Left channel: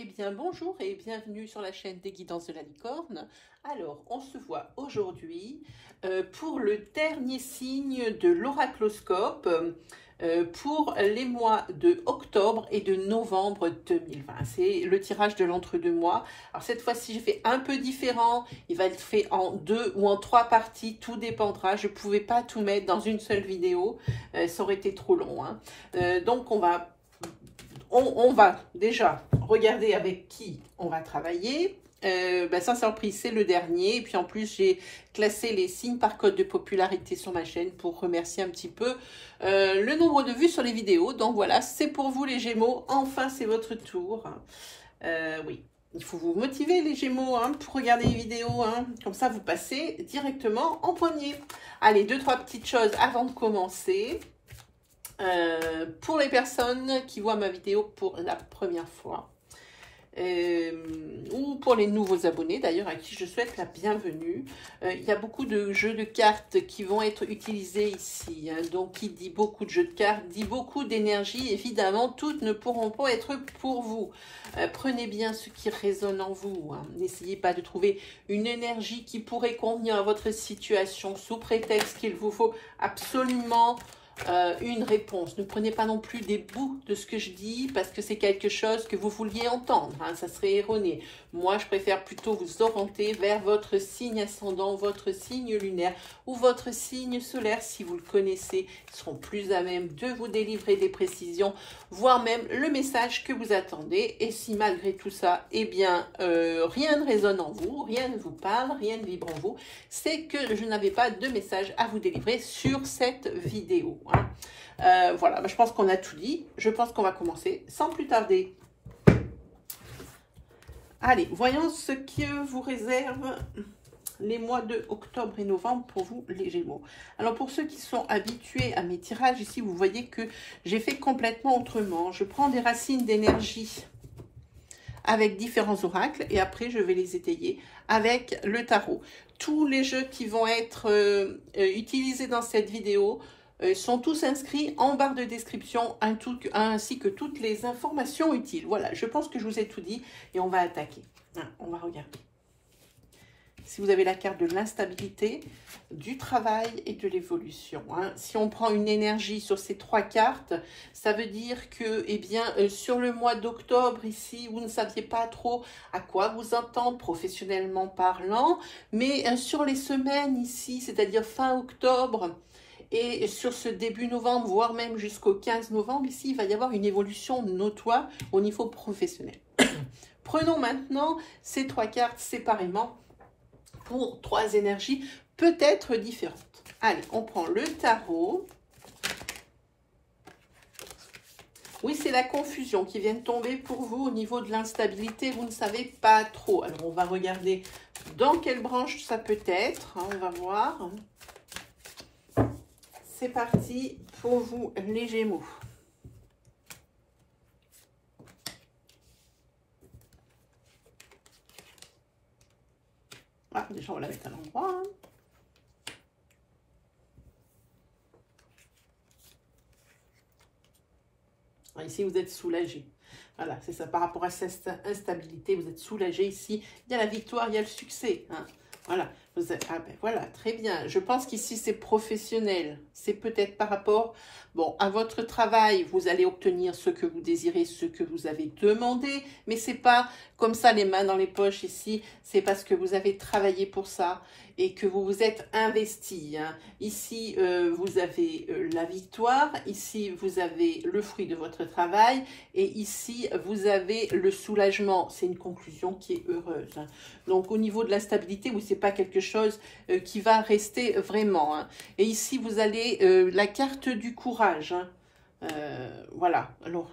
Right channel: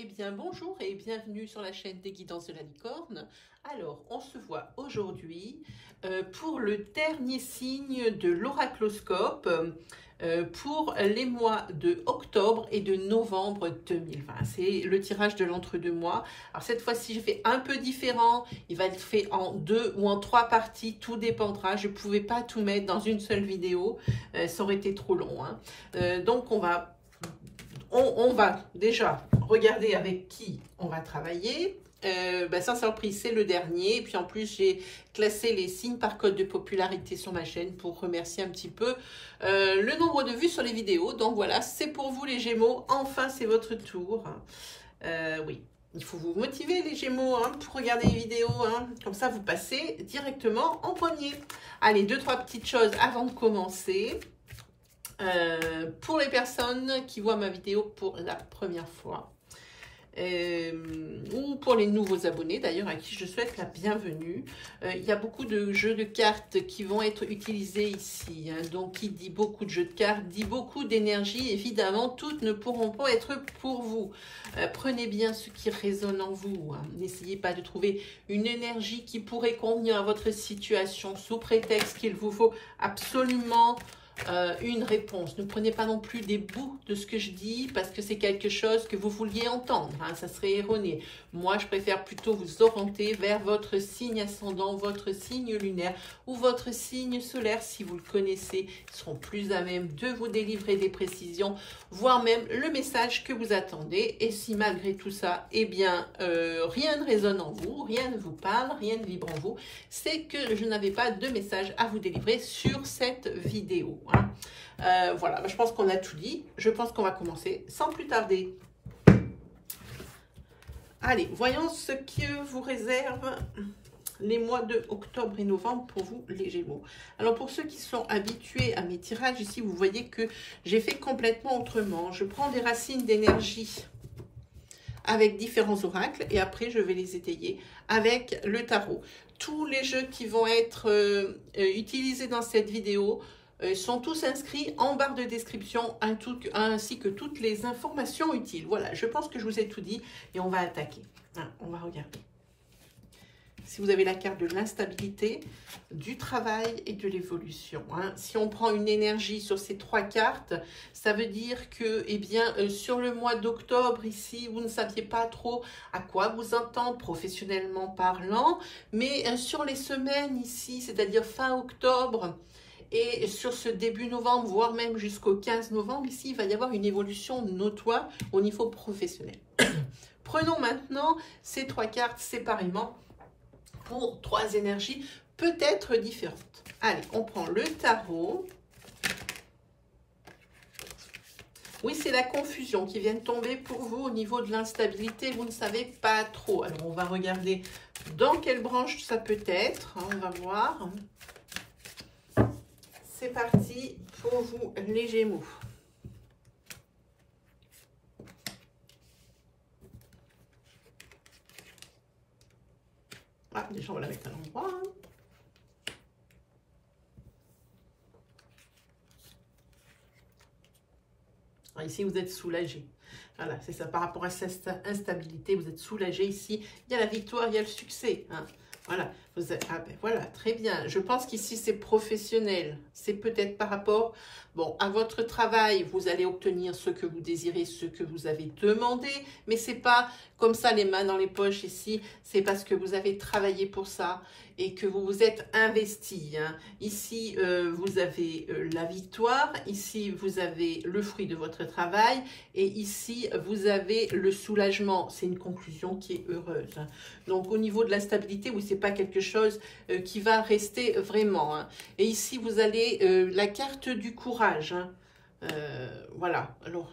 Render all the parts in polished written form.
Eh bien, bonjour et bienvenue sur la chaîne des Guidances de la Licorne. Alors, on se voit aujourd'hui pour le dernier signe de l'oracloscope pour les mois de octobre et de novembre 2020. C'est le tirage de l'entre-deux-mois. Alors, cette fois-ci, j'ai fait un peu différent. Il va être fait en 2 ou en 3 parties. Tout dépendra. Je ne pouvais pas tout mettre dans une seule vidéo. Ça aurait été trop long. Donc, on va déjà regarder avec qui on va travailler. Sans surprise, c'est le dernier. Et puis en plus, j'ai classé les signes par code de popularité sur ma chaîne pour remercier un petit peu le nombre de vues sur les vidéos. Donc voilà, c'est pour vous les Gémeaux. Enfin, c'est votre tour. Oui, il faut vous motiver les Gémeaux pour regarder les vidéos. Comme ça, vous passez directement en premier. Allez, 2-3 petites choses avant de commencer. Pour les personnes qui voient ma vidéo pour la première fois ou pour les nouveaux abonnés d'ailleurs à qui je souhaite la bienvenue, il y a beaucoup de jeux de cartes qui vont être utilisés ici, donc qui dit beaucoup de jeux de cartes dit beaucoup d'énergie. Évidemment, toutes ne pourront pas être pour vous. Prenez bien ce qui résonne en vous, n'essayez pas de trouver une énergie qui pourrait convenir à votre situation sous prétexte qu'il vous faut absolument une réponse. Ne prenez pas non plus des bouts de ce que je dis parce que c'est quelque chose que vous vouliez entendre. Ça serait erroné. Moi, je préfère plutôt vous orienter vers votre signe ascendant, votre signe lunaire ou votre signe solaire si vous le connaissez. Ils seront plus à même de vous délivrer des précisions, voire même le message que vous attendez. Et si malgré tout ça, eh bien, rien ne résonne en vous, rien ne vous parle, rien ne vibre en vous, c'est que je n'avais pas de message à vous délivrer sur cette vidéo. Voilà, je pense qu'on a tout dit. Je pense qu'on va commencer sans plus tarder. Allez, voyons ce que vous réserve les mois de octobre et novembre pour vous, les Gémeaux. Alors, pour ceux qui sont habitués à mes tirages, ici, vous voyez que j'ai fait complètement autrement. Je prends des racines d'énergie avec différents oracles et après, je vais les étayer avec le tarot. Tous les jeux qui vont être utilisés dans cette vidéo sont tous inscrits en barre de description ainsi que toutes les informations utiles. Voilà, je pense que je vous ai tout dit et on va attaquer. On va regarder. Si vous avez la carte de l'instabilité, du travail et de l'évolution. Si on prend une énergie sur ces 3 cartes, ça veut dire que, eh bien, sur le mois d'octobre, ici, vous ne saviez pas trop à quoi vous entendre professionnellement parlant, mais sur les semaines ici, c'est-à-dire fin octobre, et sur ce début novembre, voire même jusqu'au 15 novembre, ici, il va y avoir une évolution notoire au niveau professionnel. Prenons maintenant ces 3 cartes séparément pour 3 énergies peut-être différentes. Allez, on prend le tarot. Oui, c'est la confusion qui vient de tomber pour vous au niveau de l'instabilité. Vous ne savez pas trop. Alors, on va regarder dans quelle branche ça peut être. On va voir. C'est parti pour vous, les Gémeaux. Déjà, on va la mettre à l'endroit. Ici, vous êtes soulagé. Voilà, c'est ça. Par rapport à cette instabilité, vous êtes soulagé. Ici, il y a la victoire, il y a le succès. Voilà, voilà, très bien. Je pense qu'ici, c'est professionnel. C'est peut-être par rapport à votre travail. Vous allez obtenir ce que vous désirez, ce que vous avez demandé. Mais ce n'est pas comme ça, les mains dans les poches ici. C'est parce que vous avez travaillé pour ça et que vous vous êtes investi. Ici, vous avez la victoire. Ici, vous avez le fruit de votre travail. Et ici, vous avez le soulagement. C'est une conclusion qui est heureuse. Donc, au niveau de la stabilité, oui, ce n'est pas quelque chose qui va rester vraiment. Et ici, vous allez la carte du courage. Voilà. Alors,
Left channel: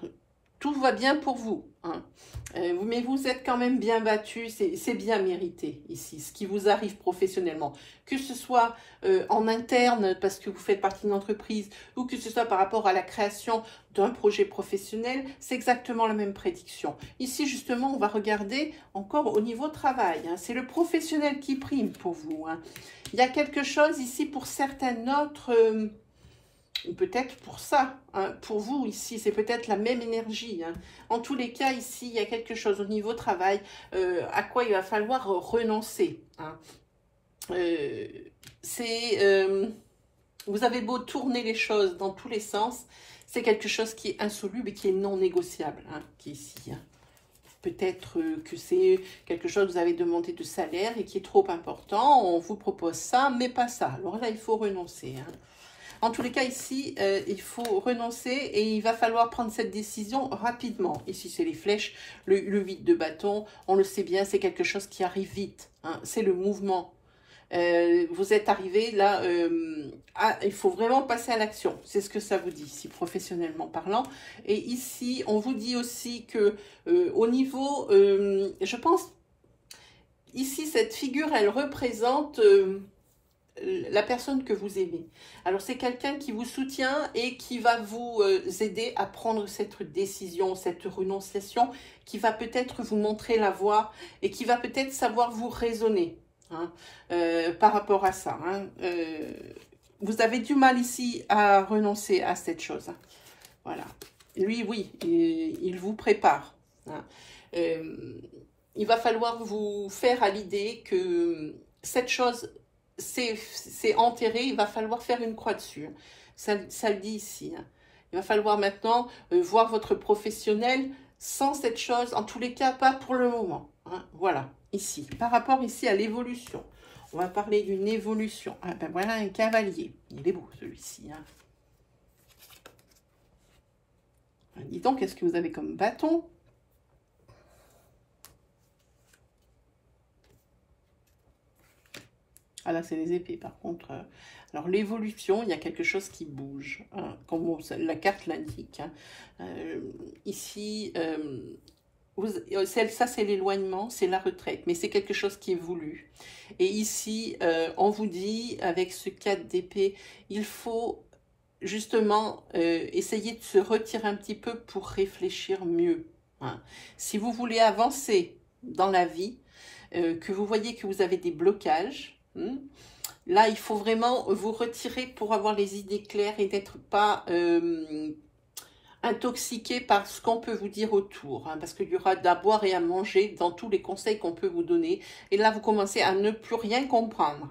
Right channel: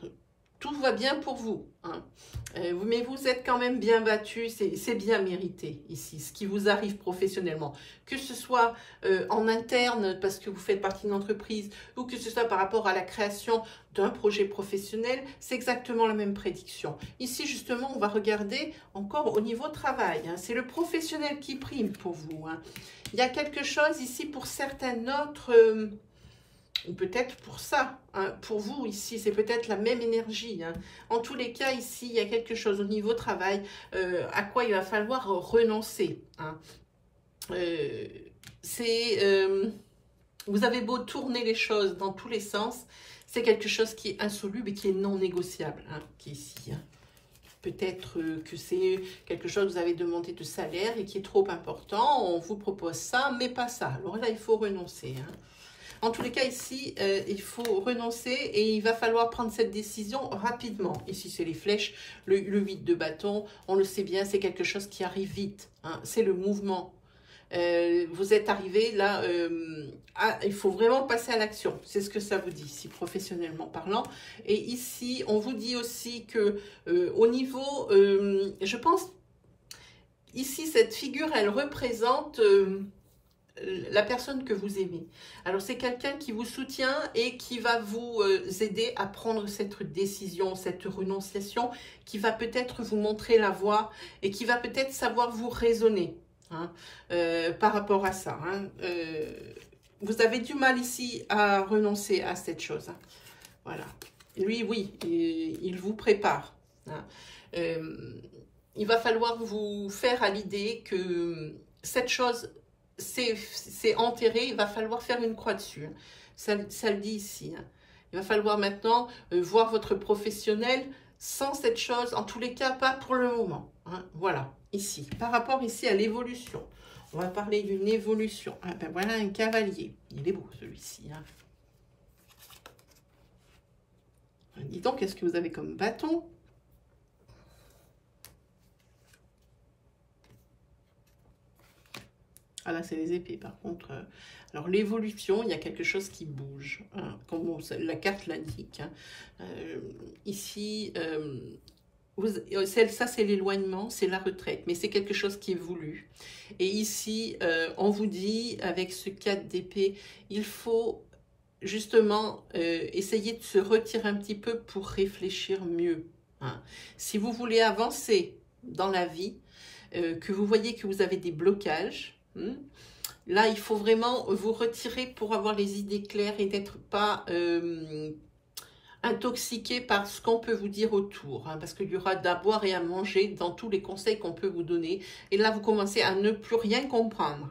tout va bien pour vous. Mais vous êtes quand même bien battu. C'est bien mérité ici, ce qui vous arrive professionnellement. Que ce soit en interne, parce que vous faites partie d'une entreprise, ou que ce soit par rapport à la création d'un projet professionnel, c'est exactement la même prédiction. Ici, justement, on va regarder encore au niveau travail. C'est le professionnel qui prime pour vous. Il y a quelque chose ici pour certains autres peut-être pour ça, hein, pour vous ici, c'est peut-être la même énergie. Hein. En tous les cas, ici, il y a quelque chose au niveau travail à quoi il va falloir renoncer. Hein. Vous avez beau tourner les choses dans tous les sens, c'est quelque chose qui est insoluble et qui est non négociable, hein, qui est ici. Hein. Peut-être que c'est quelque chose que vous avez demandé de salaire et qui est trop important. On vous propose ça, mais pas ça. Alors là, il faut renoncer. Hein. En tous les cas, ici, il faut renoncer et il va falloir prendre cette décision rapidement. Ici, c'est les flèches, le 8 de bâton. On le sait bien, c'est quelque chose qui arrive vite. Hein. C'est le mouvement. Vous êtes arrivé là, il faut vraiment passer à l'action. C'est ce que ça vous dit ici, professionnellement parlant. Et ici, on vous dit aussi que au niveau, je pense, ici, cette figure, elle représente la personne que vous aimez. Alors, c'est quelqu'un qui vous soutient et qui va vous aider à prendre cette décision, cette renonciation, qui va peut-être vous montrer la voie et qui va peut-être savoir vous raisonner. Hein, par rapport à ça. Hein. Vous avez du mal ici à renoncer à cette chose. Hein. Voilà. Lui, oui, il vous prépare. Hein. Il va falloir vous faire à l'idée que cette chose, c'est enterré. Il va falloir faire une croix dessus. Ça le dit ici. Hein. Il va falloir maintenant voir votre professionnel sans cette chose. En tous les cas, pas pour le moment. Hein. Voilà. Ici, par rapport ici à l'évolution, on va parler d'une évolution. Ah ben voilà un cavalier, il est beau celui-ci. Hein. Dis donc, qu'est-ce que vous avez comme bâton? Ah là, c'est les épées par contre. Alors l'évolution, il y a quelque chose qui bouge, hein, comme la carte l'indique. Hein. Ici... ça, c'est l'éloignement, c'est la retraite, mais c'est quelque chose qui est voulu. Et ici, on vous dit, avec ce 4 d'épée, il faut justement essayer de se retirer un petit peu pour réfléchir mieux. Hein. Si vous voulez avancer dans la vie, que vous voyez que vous avez des blocages, hein, là, il faut vraiment vous retirer pour avoir les idées claires et d'être pas... intoxiqué par ce qu'on peut vous dire autour, hein, parce qu'il y aura à boire et à manger dans tous les conseils qu'on peut vous donner. Et là, vous commencez à ne plus rien comprendre.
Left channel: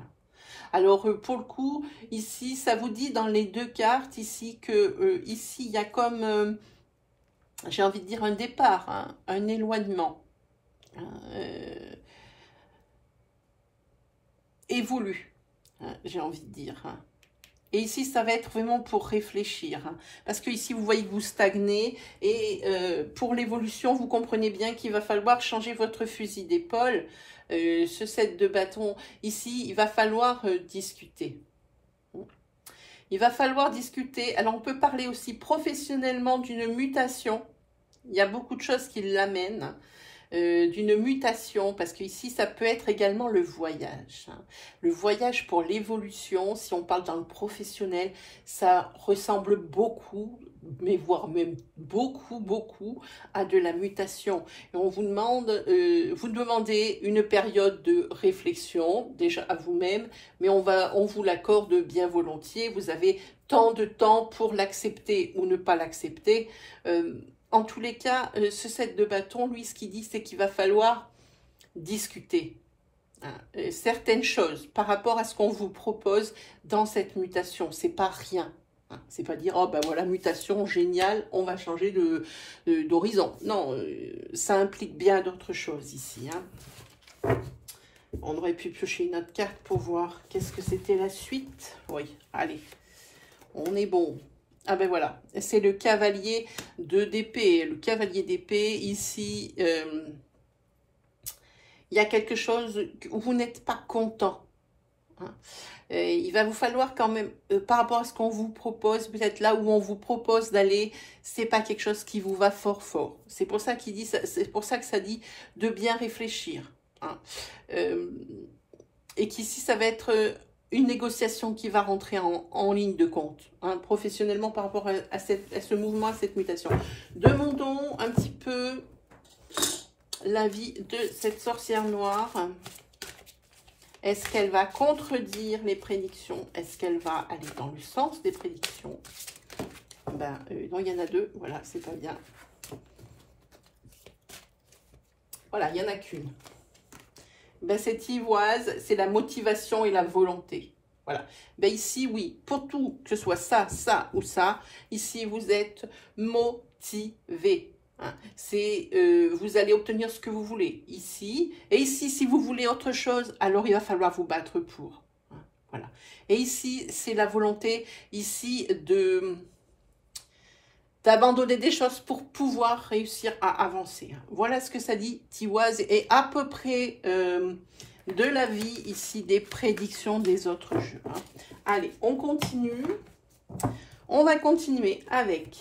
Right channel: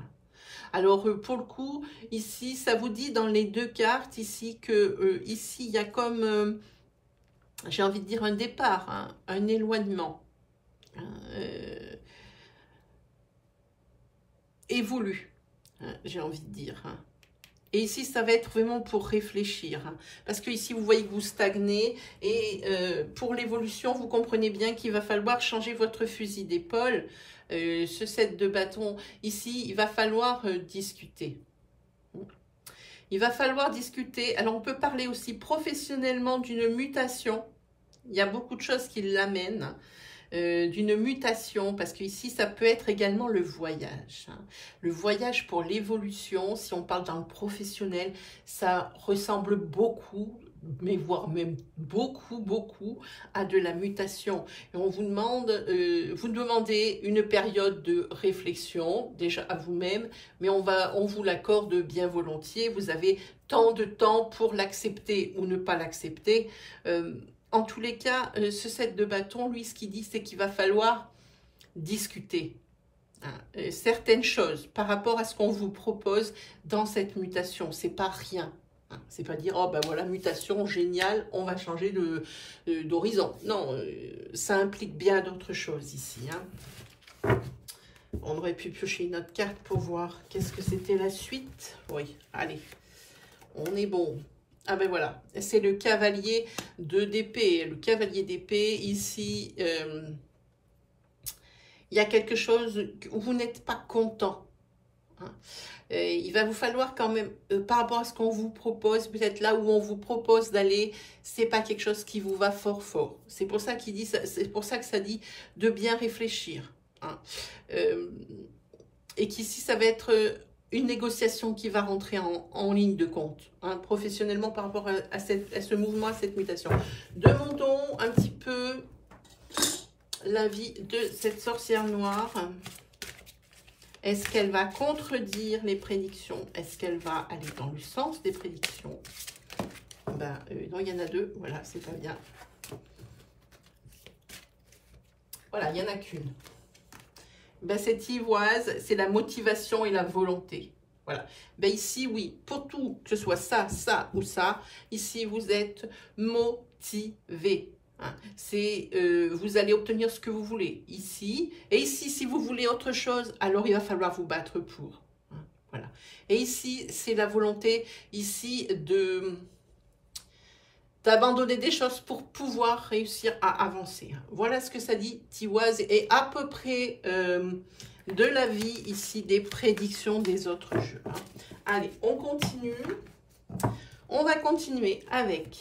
Alors, pour le coup, ici, ça vous dit dans les deux cartes, ici, que ici, il y a comme, j'ai envie de dire, un départ, hein, un éloignement. Évolue, hein, j'ai envie de dire, hein. Et ici, ça va être vraiment pour réfléchir. Hein, parce que ici, vous voyez que vous stagnez. Et pour l'évolution, vous comprenez bien qu'il va falloir changer votre fusil d'épaule. Ce 7 de bâton, ici, il va falloir discuter. Il va falloir discuter. Alors, on peut parler aussi professionnellement d'une mutation. Il y a beaucoup de choses qui l'amènent. D'une mutation, parce qu'ici, ça peut être également le voyage. Hein. Le voyage pour l'évolution, si on parle dans le professionnel, ça ressemble beaucoup, mais voire même beaucoup à de la mutation. Et on vous demande, vous demandez une période de réflexion, déjà à vous-même, mais on vous l'accorde bien volontiers. Vous avez tant de temps pour l'accepter ou ne pas l'accepter. En tous les cas, ce 7 de bâton, lui, ce qu'il dit, c'est qu'il va falloir discuter hein, certaines choses par rapport à ce qu'on vous propose dans cette mutation. C'est pas rien. Hein, c'est pas dire, oh ben voilà, mutation, génial, on va changer d'horizon. Non, ça implique bien d'autres choses ici. Hein. On aurait pu piocher une autre carte pour voir qu'est-ce que c'était la suite. Oui, allez, on est bon. Ah ben voilà, c'est le cavalier d'épée. Le cavalier d'épée, ici, il y a quelque chose où vous n'êtes pas content. Hein. Il va vous falloir quand même, par rapport à ce qu'on vous propose, peut-être là où on vous propose d'aller, c'est pas quelque chose qui vous va fort. C'est pour ça qu'il dit, c'est pour ça que ça dit de bien réfléchir. Hein. Et qu'ici, ça va être... une négociation qui va rentrer en ligne de compte, hein, professionnellement par rapport à ce mouvement, à cette mutation. Demandons un petit peu l'avis de cette sorcière noire. Est-ce qu'elle va contredire les prédictions? Est-ce qu'elle va aller dans le sens des prédictions? Ben, non, il y en a deux. Voilà, c'est pas bien. Voilà, il n'y en a qu'une. Ben, cette ivoise, c'est la motivation et la volonté. Voilà. Ben, ici, oui, pour tout, que ce soit ça, ça ou ça, ici, vous êtes motivé. Hein. Vous allez obtenir ce que vous voulez ici. Et ici, si vous voulez autre chose, alors il va falloir vous battre pour. Hein. Voilà. Et ici, c'est la volonté, ici, d'abandonner des choses pour pouvoir réussir à avancer. Voilà ce que ça dit, Tiwaz, et à peu près de la vie ici, des prédictions des autres jeux. Hein. Allez, on continue. On va continuer avec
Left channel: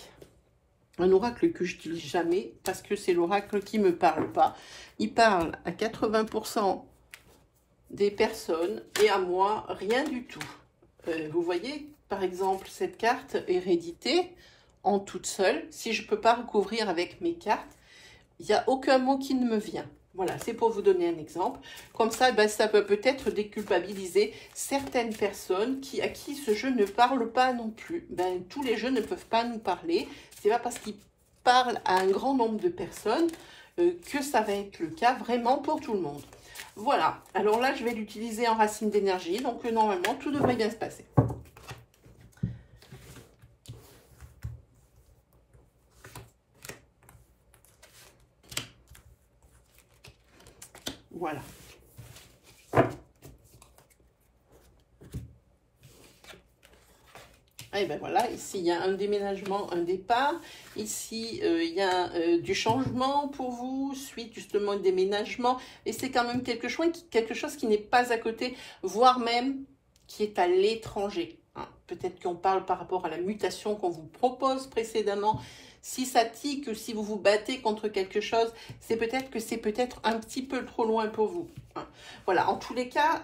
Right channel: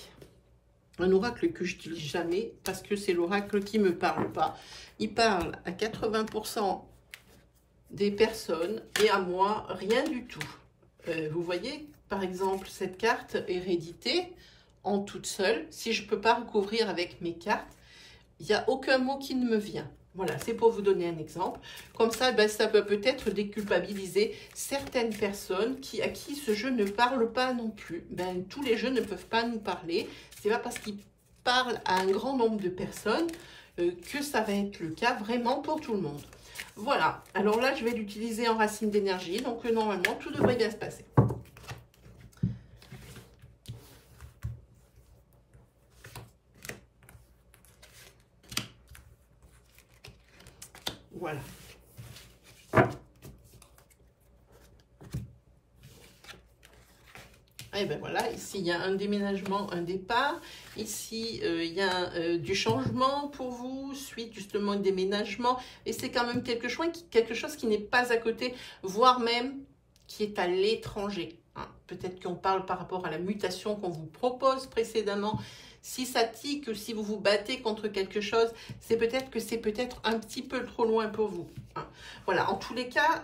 un oracle que je n'utilise jamais parce que c'est l'oracle qui ne me parle pas. Il parle à 80% des personnes et à moi, rien du tout. Vous voyez, par exemple, cette carte hérédité, en toute seule, si je ne peux pas recouvrir avec mes cartes, il n'y a aucun mot qui ne me vient. Voilà, c'est pour vous donner un exemple. Comme ça, ben, ça peut peut-être déculpabiliser certaines personnes à qui ce jeu ne parle pas non plus. Ben, tous les jeux ne peuvent pas nous parler. C'est pas parce qu'ils parlent à un grand nombre de personnes que ça va être le cas vraiment pour tout le monde. Voilà, alors là, je vais l'utiliser en racine d'énergie. Donc, normalement, tout devrait bien se passer. Voilà. Et ben voilà, ici il y a un déménagement, un départ. Ici il y a du changement pour vous, suite justement au déménagement. Et c'est quand même quelque chose qui n'est pas à côté, voire même qui est à l'étranger. Hein. Peut-être qu'on parle par rapport à la mutation qu'on vous propose précédemment. Si ça tique, ou si vous vous battez contre quelque chose, c'est peut-être que c'est peut-être un petit peu trop loin pour vous. Hein. Voilà, en tous les cas,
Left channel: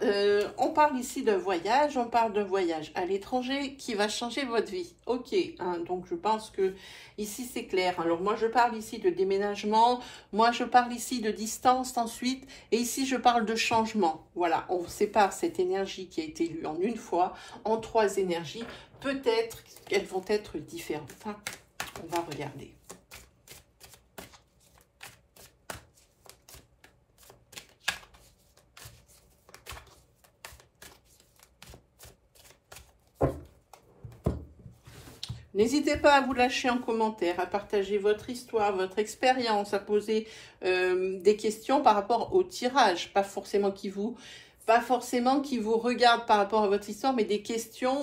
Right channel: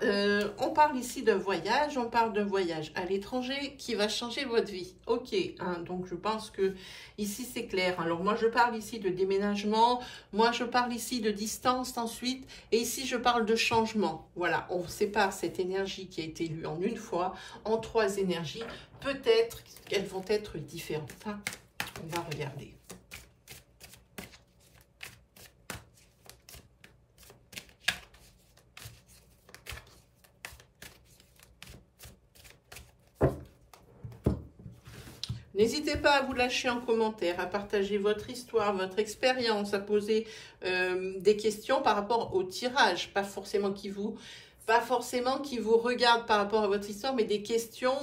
on parle ici d'un voyage, on parle d'un voyage à l'étranger qui va changer votre vie. Ok, hein, donc je pense que ici c'est clair. Alors moi je parle ici de déménagement, moi je parle ici de distance ensuite, et ici je parle de changement. Voilà, on sépare cette énergie qui a été lue en une fois en 3 énergies. Peut-être qu'elles vont être différentes. Hein. On va regarder. N'hésitez pas à vous lâcher en commentaire, à partager votre histoire, votre expérience, à poser des questions par rapport au tirage, pas forcément qui vous regarde par rapport à votre histoire, mais des questions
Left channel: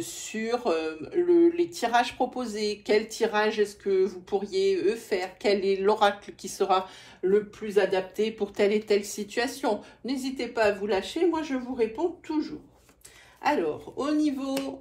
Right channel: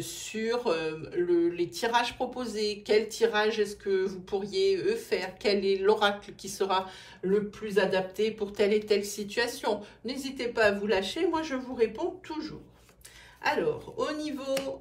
sur les tirages proposés. Quel tirage est-ce que vous pourriez faire? Quel est l'oracle qui sera le plus adapté pour telle et telle situation? N'hésitez pas à vous lâcher, moi je vous réponds toujours. Alors, au niveau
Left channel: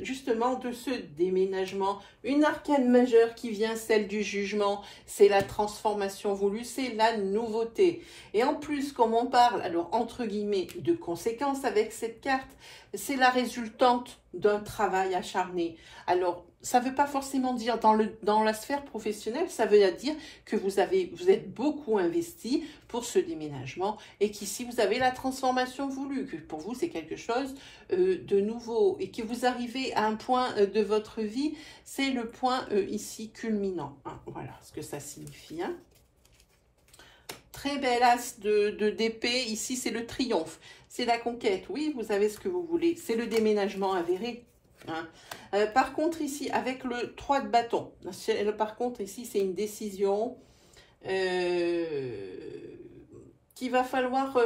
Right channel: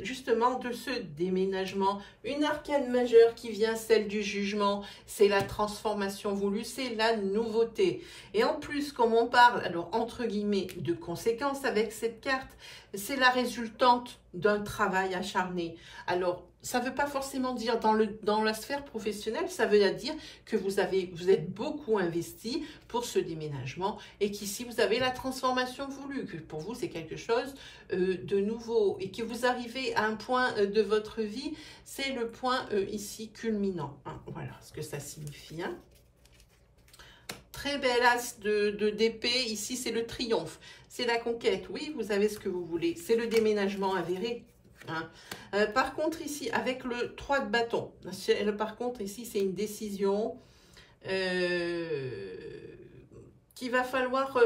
justement de ce déménagement, une arcane majeure qui vient, celle du jugement, c'est la transformation voulue, c'est la nouveauté. Et en plus, comme on parle, alors entre guillemets, de conséquences avec cette carte, c'est la résultante d'un travail acharné. Alors, ça ne veut pas forcément dire dans la sphère professionnelle, ça veut dire que vous êtes beaucoup investi pour ce déménagement et qu'ici vous avez la transformation voulue, que pour vous c'est quelque chose de nouveau et que vous arrivez à un point de votre vie, c'est le point ici culminant. Hein. Voilà ce que ça signifie. Hein. Très bel as de d'épée, ici c'est le triomphe, c'est la conquête, oui vous avez ce que vous voulez, c'est le déménagement avéré. Hein. Par contre ici avec le 3 de bâton, par contre ici c'est une décision qu'il va falloir,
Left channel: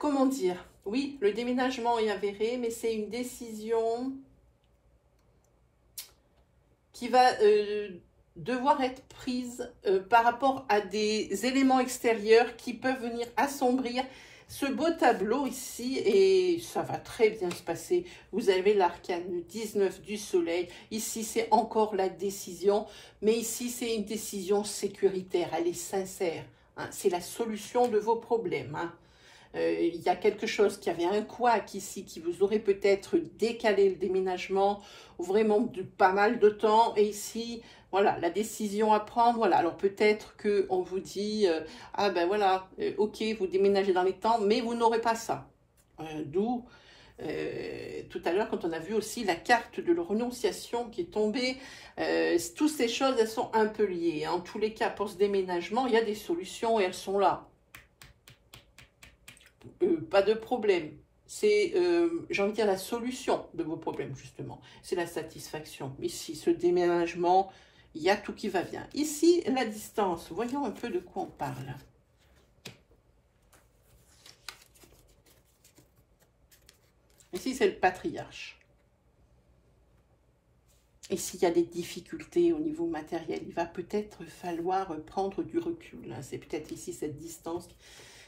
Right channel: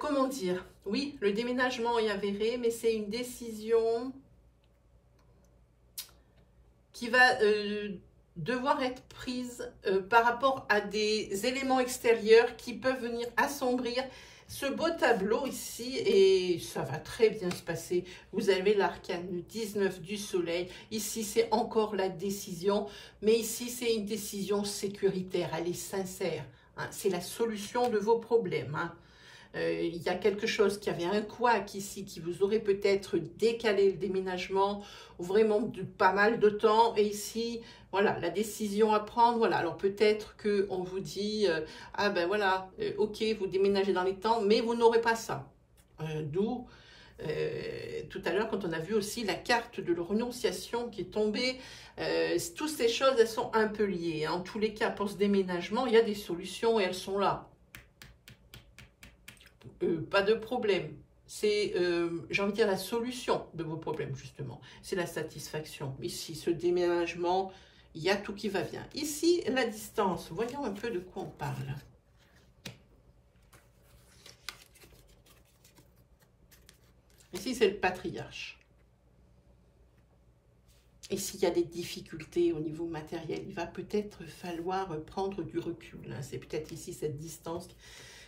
comment dire, oui le déménagement est avéré mais c'est une décision qui va devoir être prise par rapport à des éléments extérieurs qui peuvent venir assombrir ce beau tableau ici, et ça va très bien se passer. Vous avez l'arcane 19 du soleil. Ici, c'est encore la décision, mais ici, c'est une décision sécuritaire. Elle est sincère. Hein. C'est la solution de vos problèmes. Hein. Il y a quelque chose qui avait un couac ici, qui vous aurait peut-être décalé le déménagement, ou vraiment de pas mal de temps. Et ici, voilà, la décision à prendre, voilà. Alors peut-être qu'on vous dit, ah ben voilà, ok, vous déménagez dans les temps, mais vous n'aurez pas ça. D'où, tout à l'heure, quand on a vu aussi la carte de la renonciation qui est tombée, toutes ces choses, elles sont un peu liées. En tous les cas, pour ce déménagement, il y a des solutions et elles sont là. Pas de problème. C'est, j'ai envie de dire, la solution de vos problèmes, justement. C'est la satisfaction. Ici, ce déménagement, il y a tout qui va bien. Ici, la distance. Voyons un peu de quoi on parle. Ici, c'est le patriarche. Ici, il y a des difficultés au niveau matériel. Il va peut-être falloir prendre du recul. C'est peut-être ici cette distance.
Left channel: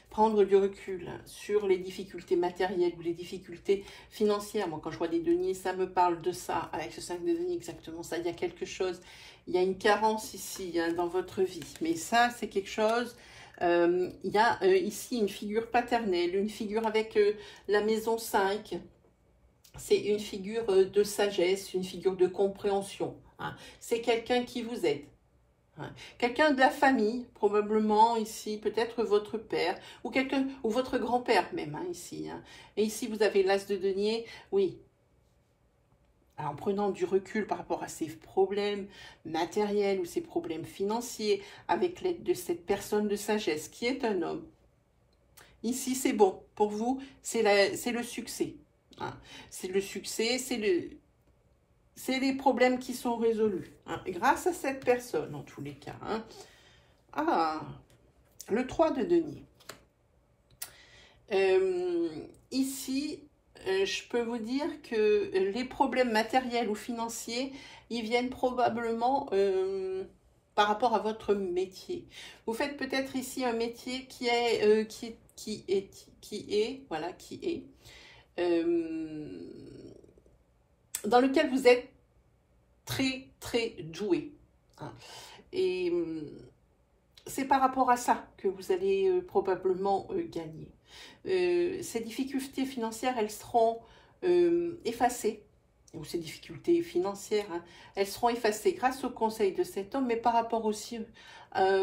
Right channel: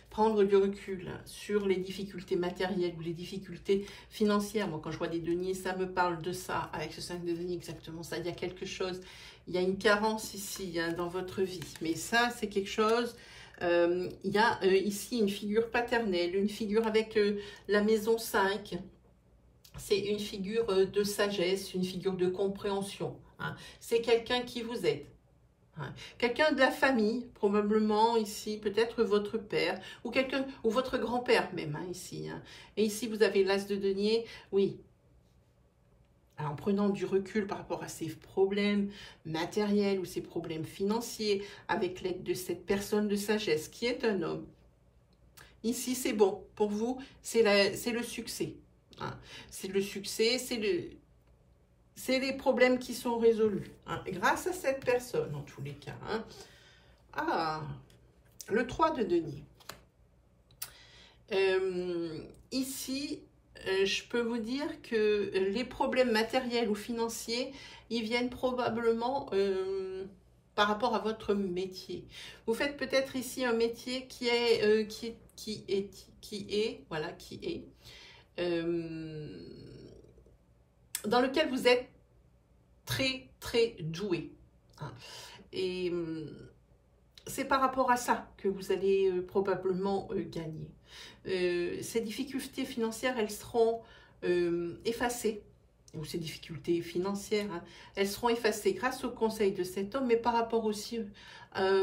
Prendre du recul sur les difficultés matérielles ou les difficultés financières. Moi, quand je vois des deniers, ça me parle de ça. Avec ce 5 de deniers, exactement ça. Il y a quelque chose, il y a une carence ici dans votre vie. Mais ça, c'est quelque chose... il y a ici une figure paternelle, une figure avec la maison 5. C'est une figure de sagesse, une figure de compréhension. Hein. C'est quelqu'un qui vous aide. Quelqu'un de la famille, probablement ici, peut-être votre père, ou quelqu'un, ou votre grand-père même, ici. Et ici, vous avez l'as de denier, oui. Alors, en prenant du recul par rapport à ces problèmes matériels ou ces problèmes financiers, avec l'aide de cette personne de sagesse qui est un homme, ici, c'est bon. Pour vous, c'est le succès. C'est le succès, c'est les problèmes qui sont résolus, grâce à cette personne, en tous les cas. Ah, le 3 de denier. Ici, je peux vous dire que les problèmes matériels ou financiers, ils viennent probablement par rapport à votre métier. Vous faites peut-être ici un métier qui est dans lequel vous êtes très doué. Et c'est par rapport à ça que vous allez probablement gagner. Ces difficultés financières, elles seront effacées. Ou ces difficultés financières, elles seront effacées grâce au conseil de cet homme, mais par rapport aussi à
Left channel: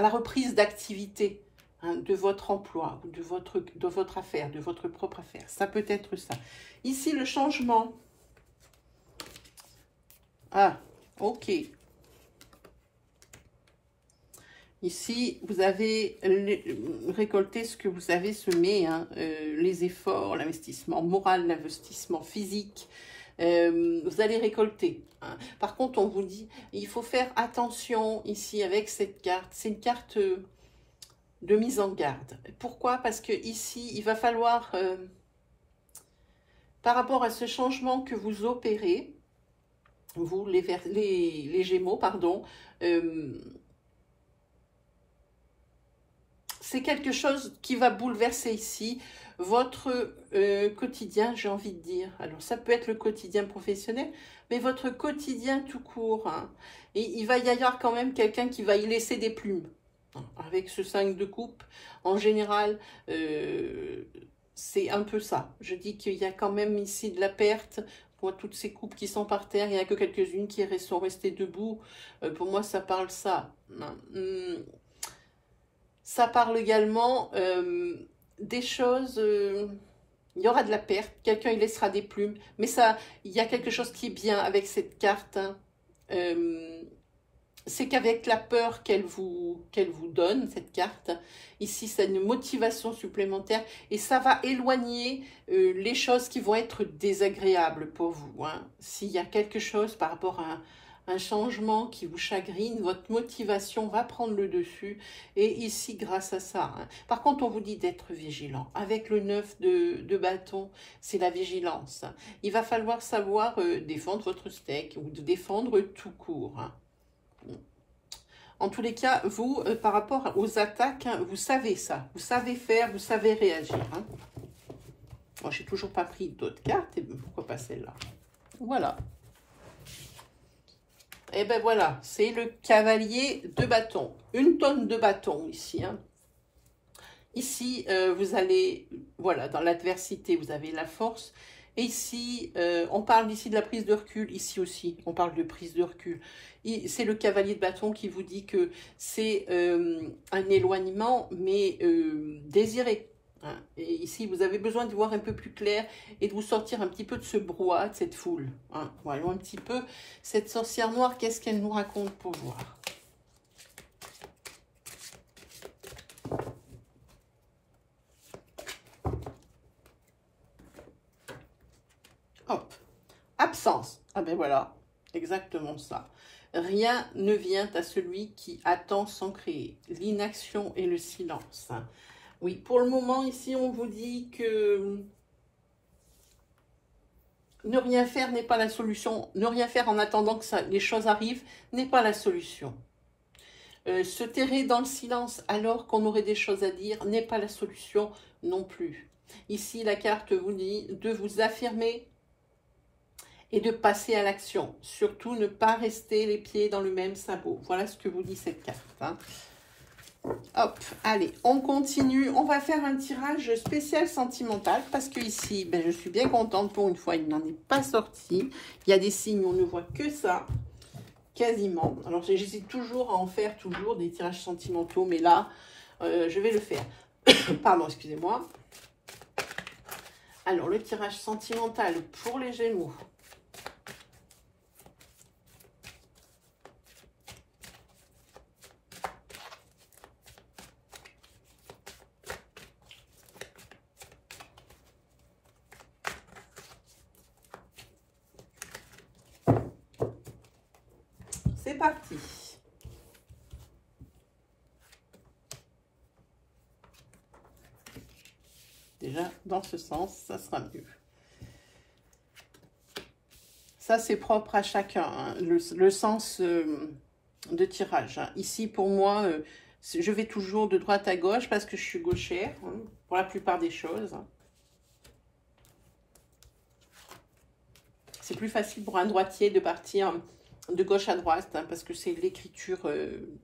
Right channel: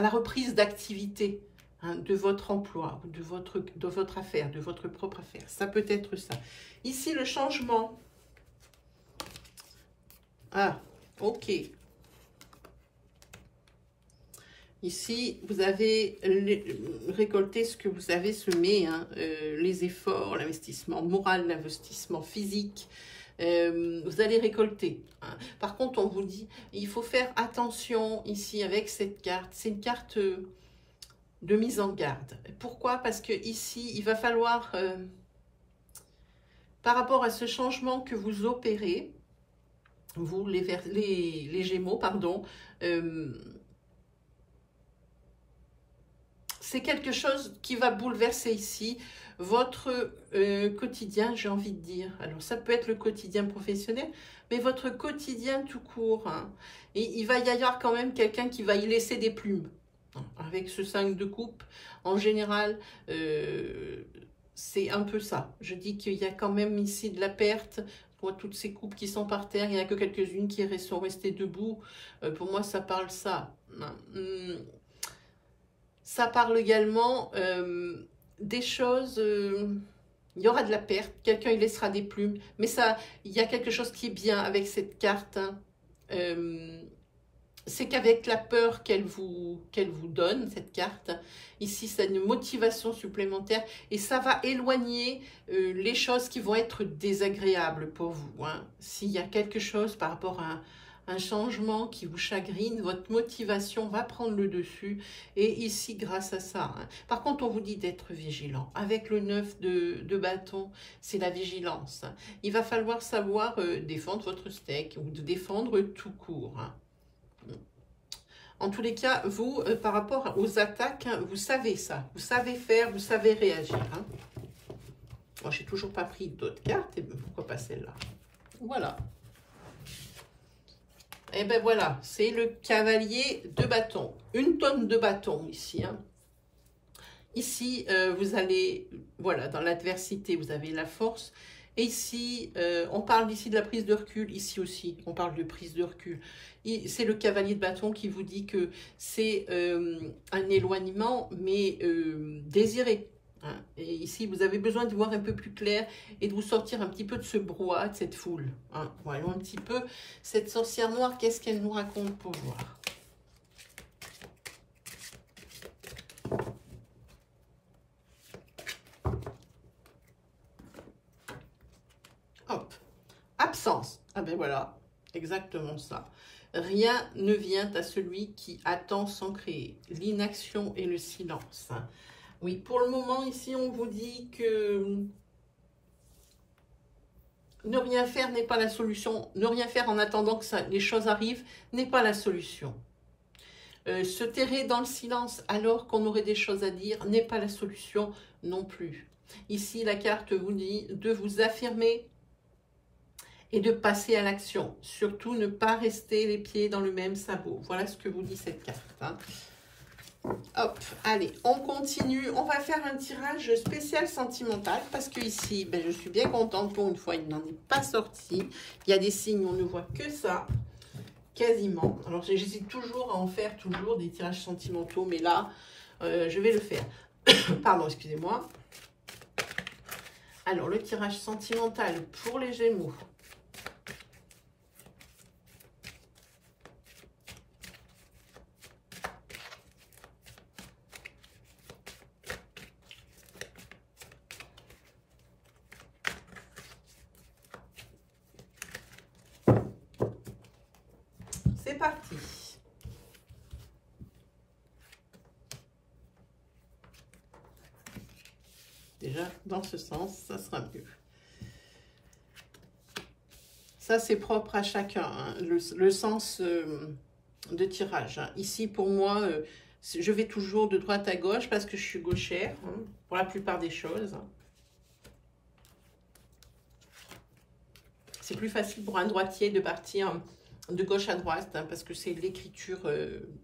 la reprise d'activité. De votre emploi, de votre affaire, de votre propre affaire. Ça peut être ça. Ici, le changement. Ah, ok. Ici, vous avez récolté ce que vous avez semé, les efforts, l'investissement moral, l'investissement physique. Vous allez récolter. Par contre, on vous dit, il faut faire attention ici avec cette carte. C'est une carte... de mise en garde. Pourquoi? Parce que ici, il va falloir, par rapport à ce changement que vous opérez, vous, les Gémeaux, pardon, c'est quelque chose qui va bouleverser ici votre quotidien, j'ai envie de dire. Alors, ça peut être le quotidien professionnel, mais votre quotidien tout court. Et il va y avoir quand même quelqu'un qui va y laisser des plumes. Avec ce 5 de coupe, en général, c'est un peu ça. Je dis qu'il y a quand même ici de la perte. Je vois toutes ces coupes qui sont par terre. Il n'y en a que quelques-unes qui sont restées debout. Pour moi, ça parle ça. Ça parle également des choses... il y aura de la perte. Quelqu'un, il laissera des plumes. Mais ça, il y a quelque chose qui est bien avec cette carte. C'est qu'avec la peur qu'elle vous donne, cette carte, ici, c'est une motivation supplémentaire et ça va éloigner les choses qui vont être désagréables pour vous. S'il y a quelque chose par rapport à un changement qui vous chagrine, votre motivation va prendre le dessus et ici, grâce à ça. Par contre, on vous dit d'être vigilant. Avec le 9 de bâton, c'est la vigilance. Il va falloir savoir défendre votre steak ou de défendre tout court. En tous les cas, vous, par rapport aux attaques, vous savez ça. Vous savez faire, vous savez réagir. Moi, je n'ai toujours pas pris d'autres cartes. Et pourquoi pas celle-là? Voilà. Et ben voilà, c'est le cavalier de bâton. 1 tonne de bâton ici. Ici, vous allez, voilà, dans l'adversité, vous avez la force. Et ici, on parle ici de la prise de recul. Ici aussi, on parle de prise de recul. C'est le cavalier de bâton qui vous dit que c'est un éloignement, mais désiré. Hein. Et ici, vous avez besoin de voir un peu plus clair et de vous sortir un petit peu de ce brouhaha, de cette foule. Hein. Voyons un petit peu cette sorcière noire, qu'est-ce qu'elle nous raconte pour voir. Hop, absence. Ah ben voilà, exactement ça. Rien ne vient à celui qui attend sans créer. L'inaction et le silence. Hein. Oui, pour le moment, ici, on vous dit que ne rien faire n'est pas la solution. Ne rien faire en attendant que les choses arrivent n'est pas la solution. Se terrer dans le silence alors qu'on aurait des choses à dire n'est pas la solution non plus. Ici, la carte vous dit de vous affirmer et de passer à l'action. Surtout, ne pas rester les pieds dans le même sabot. Voilà ce que vous dit cette carte. Hein. Hop, allez, on continue. On va faire un tirage spécial sentimental parce que ici, ben, je suis bien contente pour une fois, il n'en est pas sorti. Il y a des signes, on ne voit que ça, quasiment. Alors, j'hésite toujours à en faire toujours des tirages sentimentaux, mais là, je vais le faire. Pardon, excusez-moi. Alors, le tirage sentimental pour les Gémeaux. C'est parti. Déjà, dans ce sens, ça sera mieux. Ça, c'est propre à chacun, hein, le sens de tirage. Hein. Ici, pour moi, je vais toujours de droite à gauche parce que je suis gauchère, hein, pour la plupart des choses. C'est plus facile pour un droitier de partir de gauche à droite, hein, parce que c'est l'écriture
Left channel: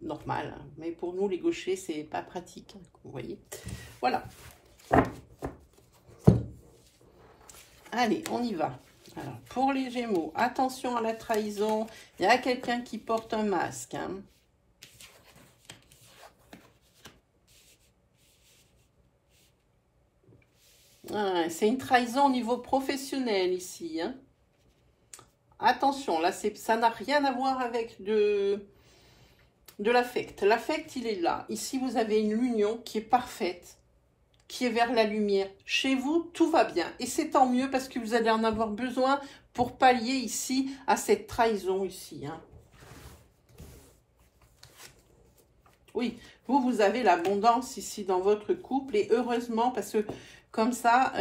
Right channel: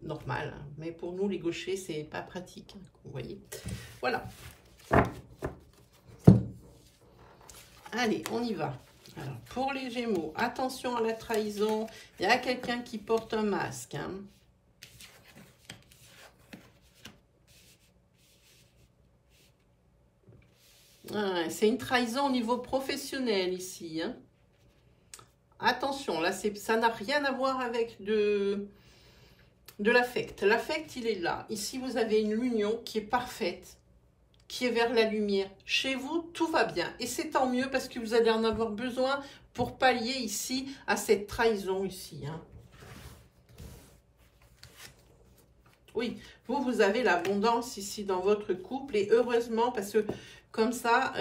normale. Hein. Mais pour nous, les gauchers, c'est pas pratique, hein, vous voyez. Voilà. Allez, on y va. Alors, pour les Gémeaux, attention à la trahison. Il y a quelqu'un qui porte un masque. Hein. Ah, c'est une trahison au niveau professionnel ici. Hein. Attention, là, ça n'a rien à voir avec de l'affect. L'affect, il est là. Ici, vous avez une union qui est parfaite, qui est vers la lumière. Chez vous, tout va bien. Et c'est tant mieux parce que vous allez en avoir besoin pour pallier ici à cette trahison ici. Hein. Oui, vous avez l'abondance ici dans votre couple. Et heureusement, parce que comme ça,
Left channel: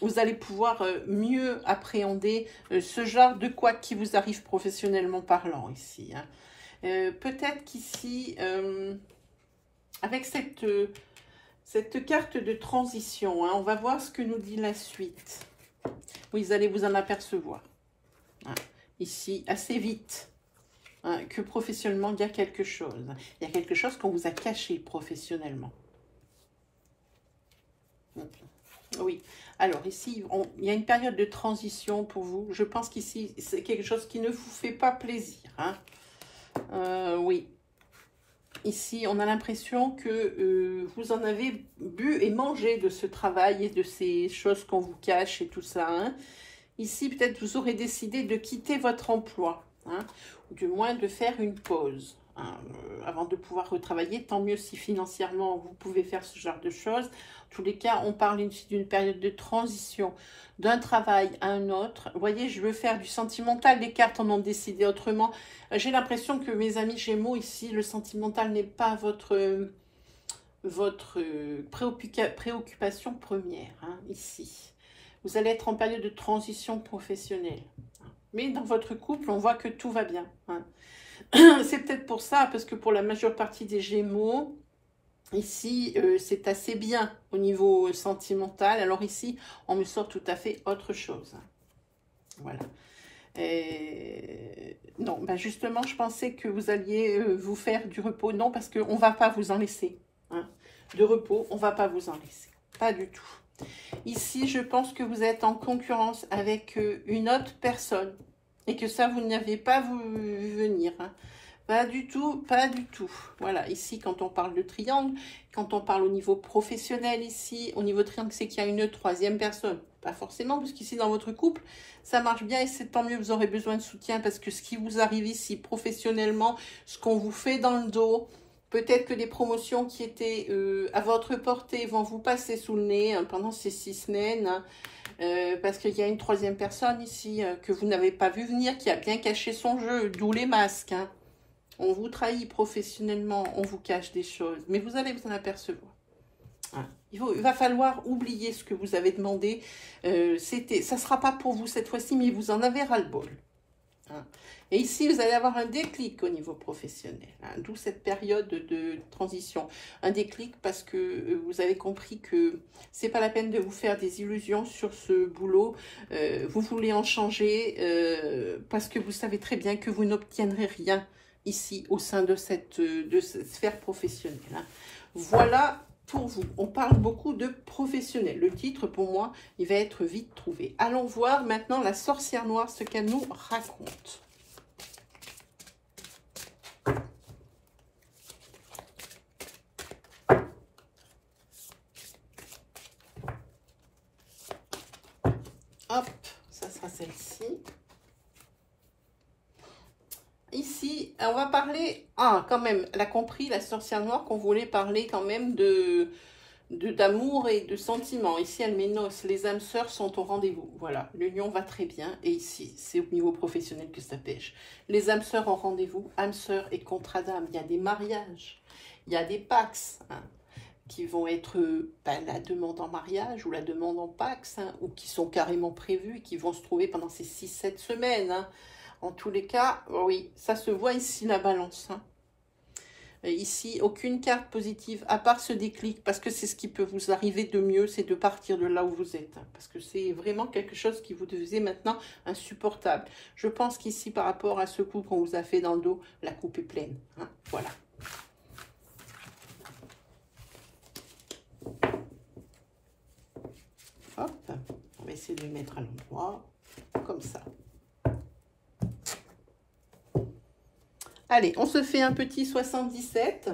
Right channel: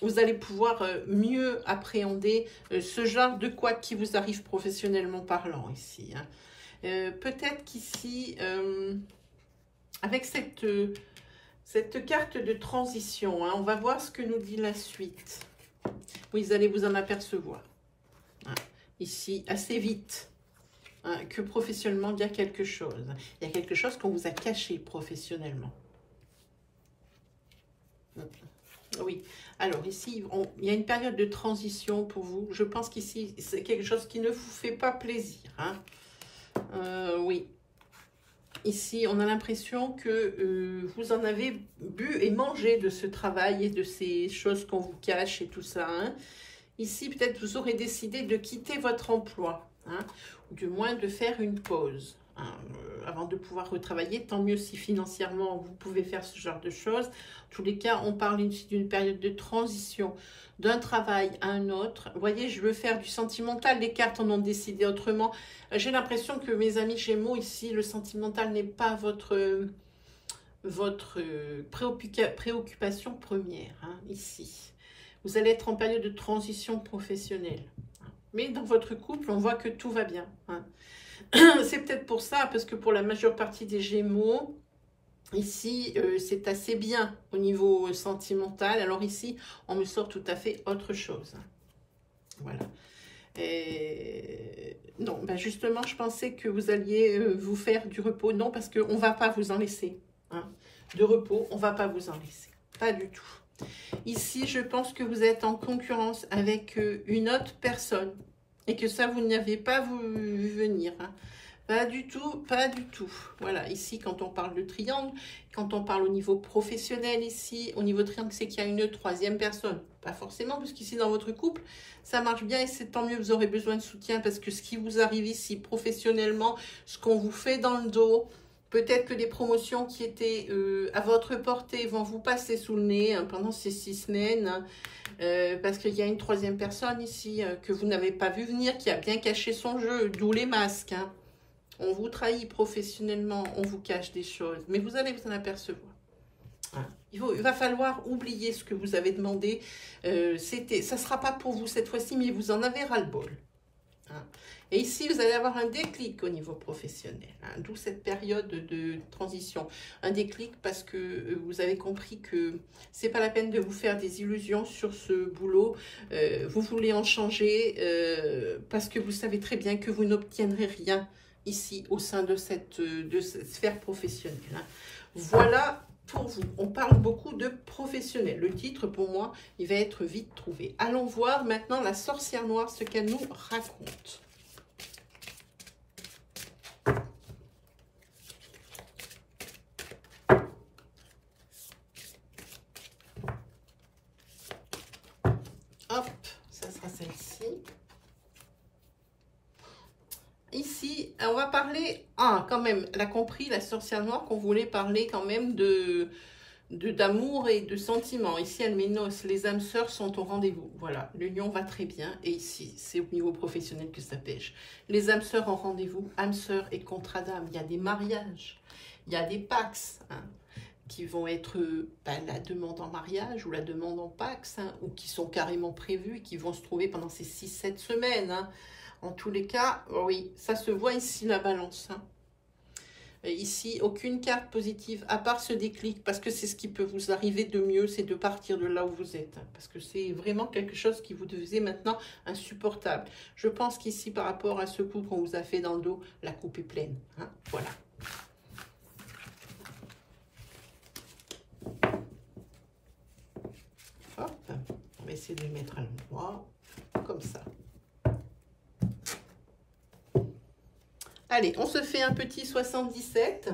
vous allez pouvoir mieux appréhender ce genre de quoi qui vous arrive professionnellement parlant ici. Hein. Peut-être qu'ici, avec cette carte de transition, hein, on va voir ce que nous dit la suite. Vous allez vous en apercevoir. Hein, ici, assez vite, hein, que professionnellement, il y a quelque chose. Il y a quelque chose qu'on vous a caché professionnellement. Oui. Alors ici, il y a une période de transition pour vous. Je pense qu'ici, c'est quelque chose qui ne vous fait pas plaisir. Hein. Oui. Ici, on a l'impression que vous en avez bu et mangé de ce travail et de ces choses qu'on vous cache et tout ça. Hein. Ici, peut-être vous aurez décidé de quitter votre emploi, hein, ou du moins de faire une pause. Hein, avant de pouvoir retravailler, tant mieux si financièrement vous pouvez faire ce genre de choses. En tous les cas, on parle ici d'une période de transition d'un travail à un autre. Vous voyez, je veux faire du sentimental, les cartes en ont décidé autrement. J'ai l'impression que mes amis Gémeaux, ici, le sentimental n'est pas votre préoccupation première, hein, ici. Vous allez être en période de transition professionnelle. Mais dans votre couple, on voit que tout va bien. Hein. C'est peut-être pour ça, parce que pour la majeure partie des Gémeaux, ici, c'est assez bien au niveau sentimental. Alors ici, on me sort tout à fait autre chose. Voilà. Non, ben justement, je pensais que vous alliez vous faire du repos. Non, parce qu'on ne va pas vous en laisser. Hein. De repos, on ne va pas vous en laisser. Pas du tout. Ici, je pense que vous êtes en concurrence avec une autre personne et que ça, vous n'y avez pas vu venir. Hein. Pas du tout, pas du tout. Voilà, ici, quand on parle de triangle, quand on parle au niveau professionnel ici, au niveau triangle, c'est qu'il y a une troisième personne. Pas forcément, parce qu'ici, dans votre couple, ça marche bien et c'est tant mieux, vous aurez besoin de soutien parce que ce qui vous arrive ici, professionnellement, ce qu'on vous fait dans le dos, peut-être que les promotions qui étaient à votre portée vont vous passer sous le nez hein, pendant ces 6 semaines. Hein, parce qu'il y a une troisième personne ici que vous n'avez pas vu venir, qui a bien caché son jeu, d'où les masques. Hein. On vous trahit professionnellement, on vous cache des choses, mais vous allez vous en apercevoir. Hein. Il va falloir oublier ce que vous avez demandé. Ça ne sera pas pour vous cette fois-ci, mais vous en avez ras-le-bol. Hein. Et ici, vous allez avoir un déclic au niveau professionnel, hein, d'où cette période de transition. Un déclic parce que vous avez compris que c'est pas la peine de vous faire des illusions sur ce boulot. Vous voulez en changer parce que vous savez très bien que vous n'obtiendrez rien ici au sein de cette sphère professionnelle. Hein. Voilà pour vous. On parle beaucoup de professionnel. Le titre, pour moi, il va être vite trouvé. Allons voir maintenant la sorcière noire, ce qu'elle nous raconte. Hop, ça sera celle-ci. Ici, on va parler, quand même, elle a compris, la sorcière noire, qu'on voulait parler quand même d'amour et de sentiments. Ici, elle m'énonce, les âmes sœurs sont au rendez-vous. Voilà, l'union va très bien. Et ici, c'est au niveau professionnel que ça pêche. Les âmes sœurs au rendez-vous, âmes sœurs et contrat d'âme. Il y a des mariages, il y a des pax, hein, qui vont être la demande en mariage ou la demande en pax, hein, ou qui sont carrément prévus et qui vont se trouver pendant ces 6-7 semaines. Hein. En tous les cas, oui, ça se voit ici, la balance. Hein. Ici, aucune carte positive, à part ce déclic, parce que c'est ce qui peut vous arriver de mieux, c'est de partir de là où vous êtes. Hein, parce que c'est vraiment quelque chose qui vous faisait maintenant insupportable. Je pense qu'ici, par rapport à ce coup qu'on vous a fait dans le dos, la coupe est pleine. Hein, voilà. Hop, on va essayer de le mettre à l'endroit, comme ça. Allez, on se fait un petit 77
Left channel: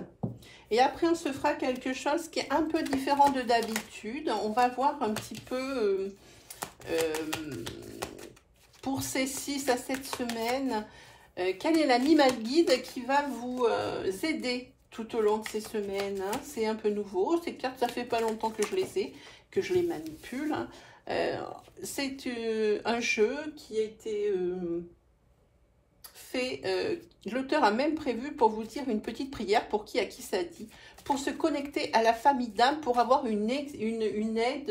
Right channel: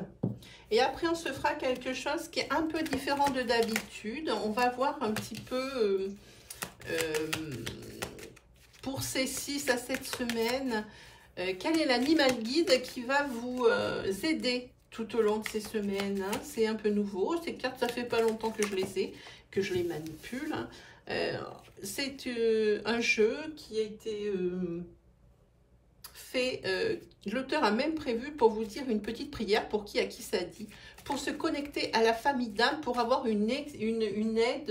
et après on se fera quelque chose qui est un peu différent de d'habitude. On va voir un petit peu pour ces 6 à 7 semaines, quel est l'animal guide qui va vous aider tout au long de ces semaines. Hein. C'est un peu nouveau, ces cartes, ça fait pas longtemps que je les ai, que je les manipule. C'est un jeu qui a été... l'auteur a même prévu pour vous dire une petite prière pour à qui ça dit, pour se connecter à la famille d'âme, pour avoir une aide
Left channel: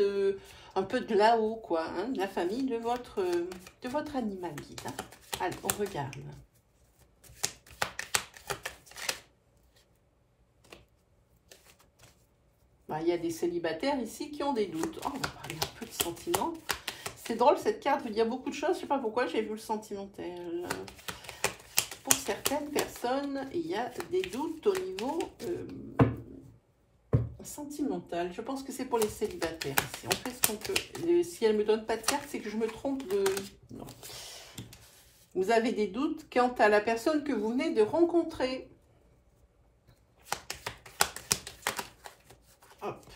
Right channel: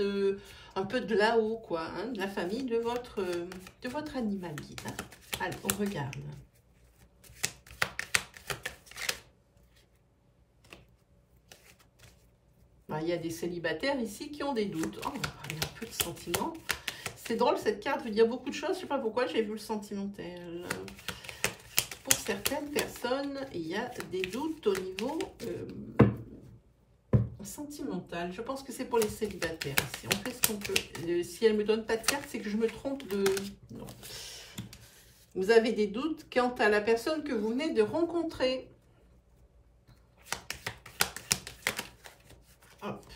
un peu de là-haut, quoi, hein, la famille de votre animal guide. Hein. Allez, on regarde. Ben, il y a des célibataires ici qui ont des doutes. Oh, on va parler un peu de sentiment. C'est drôle, cette carte veut dire beaucoup de choses. Je ne sais pas pourquoi j'ai vu le sentimental. Pour certaines personnes, il y a des doutes au niveau sentimental. Je pense que c'est pour les célibataires. Si on fait ce qu'on peut. Si elle ne me donne pas de carte, c'est que je me trompe de... Non. Vous avez des doutes quant à la personne que vous venez de rencontrer. Hop.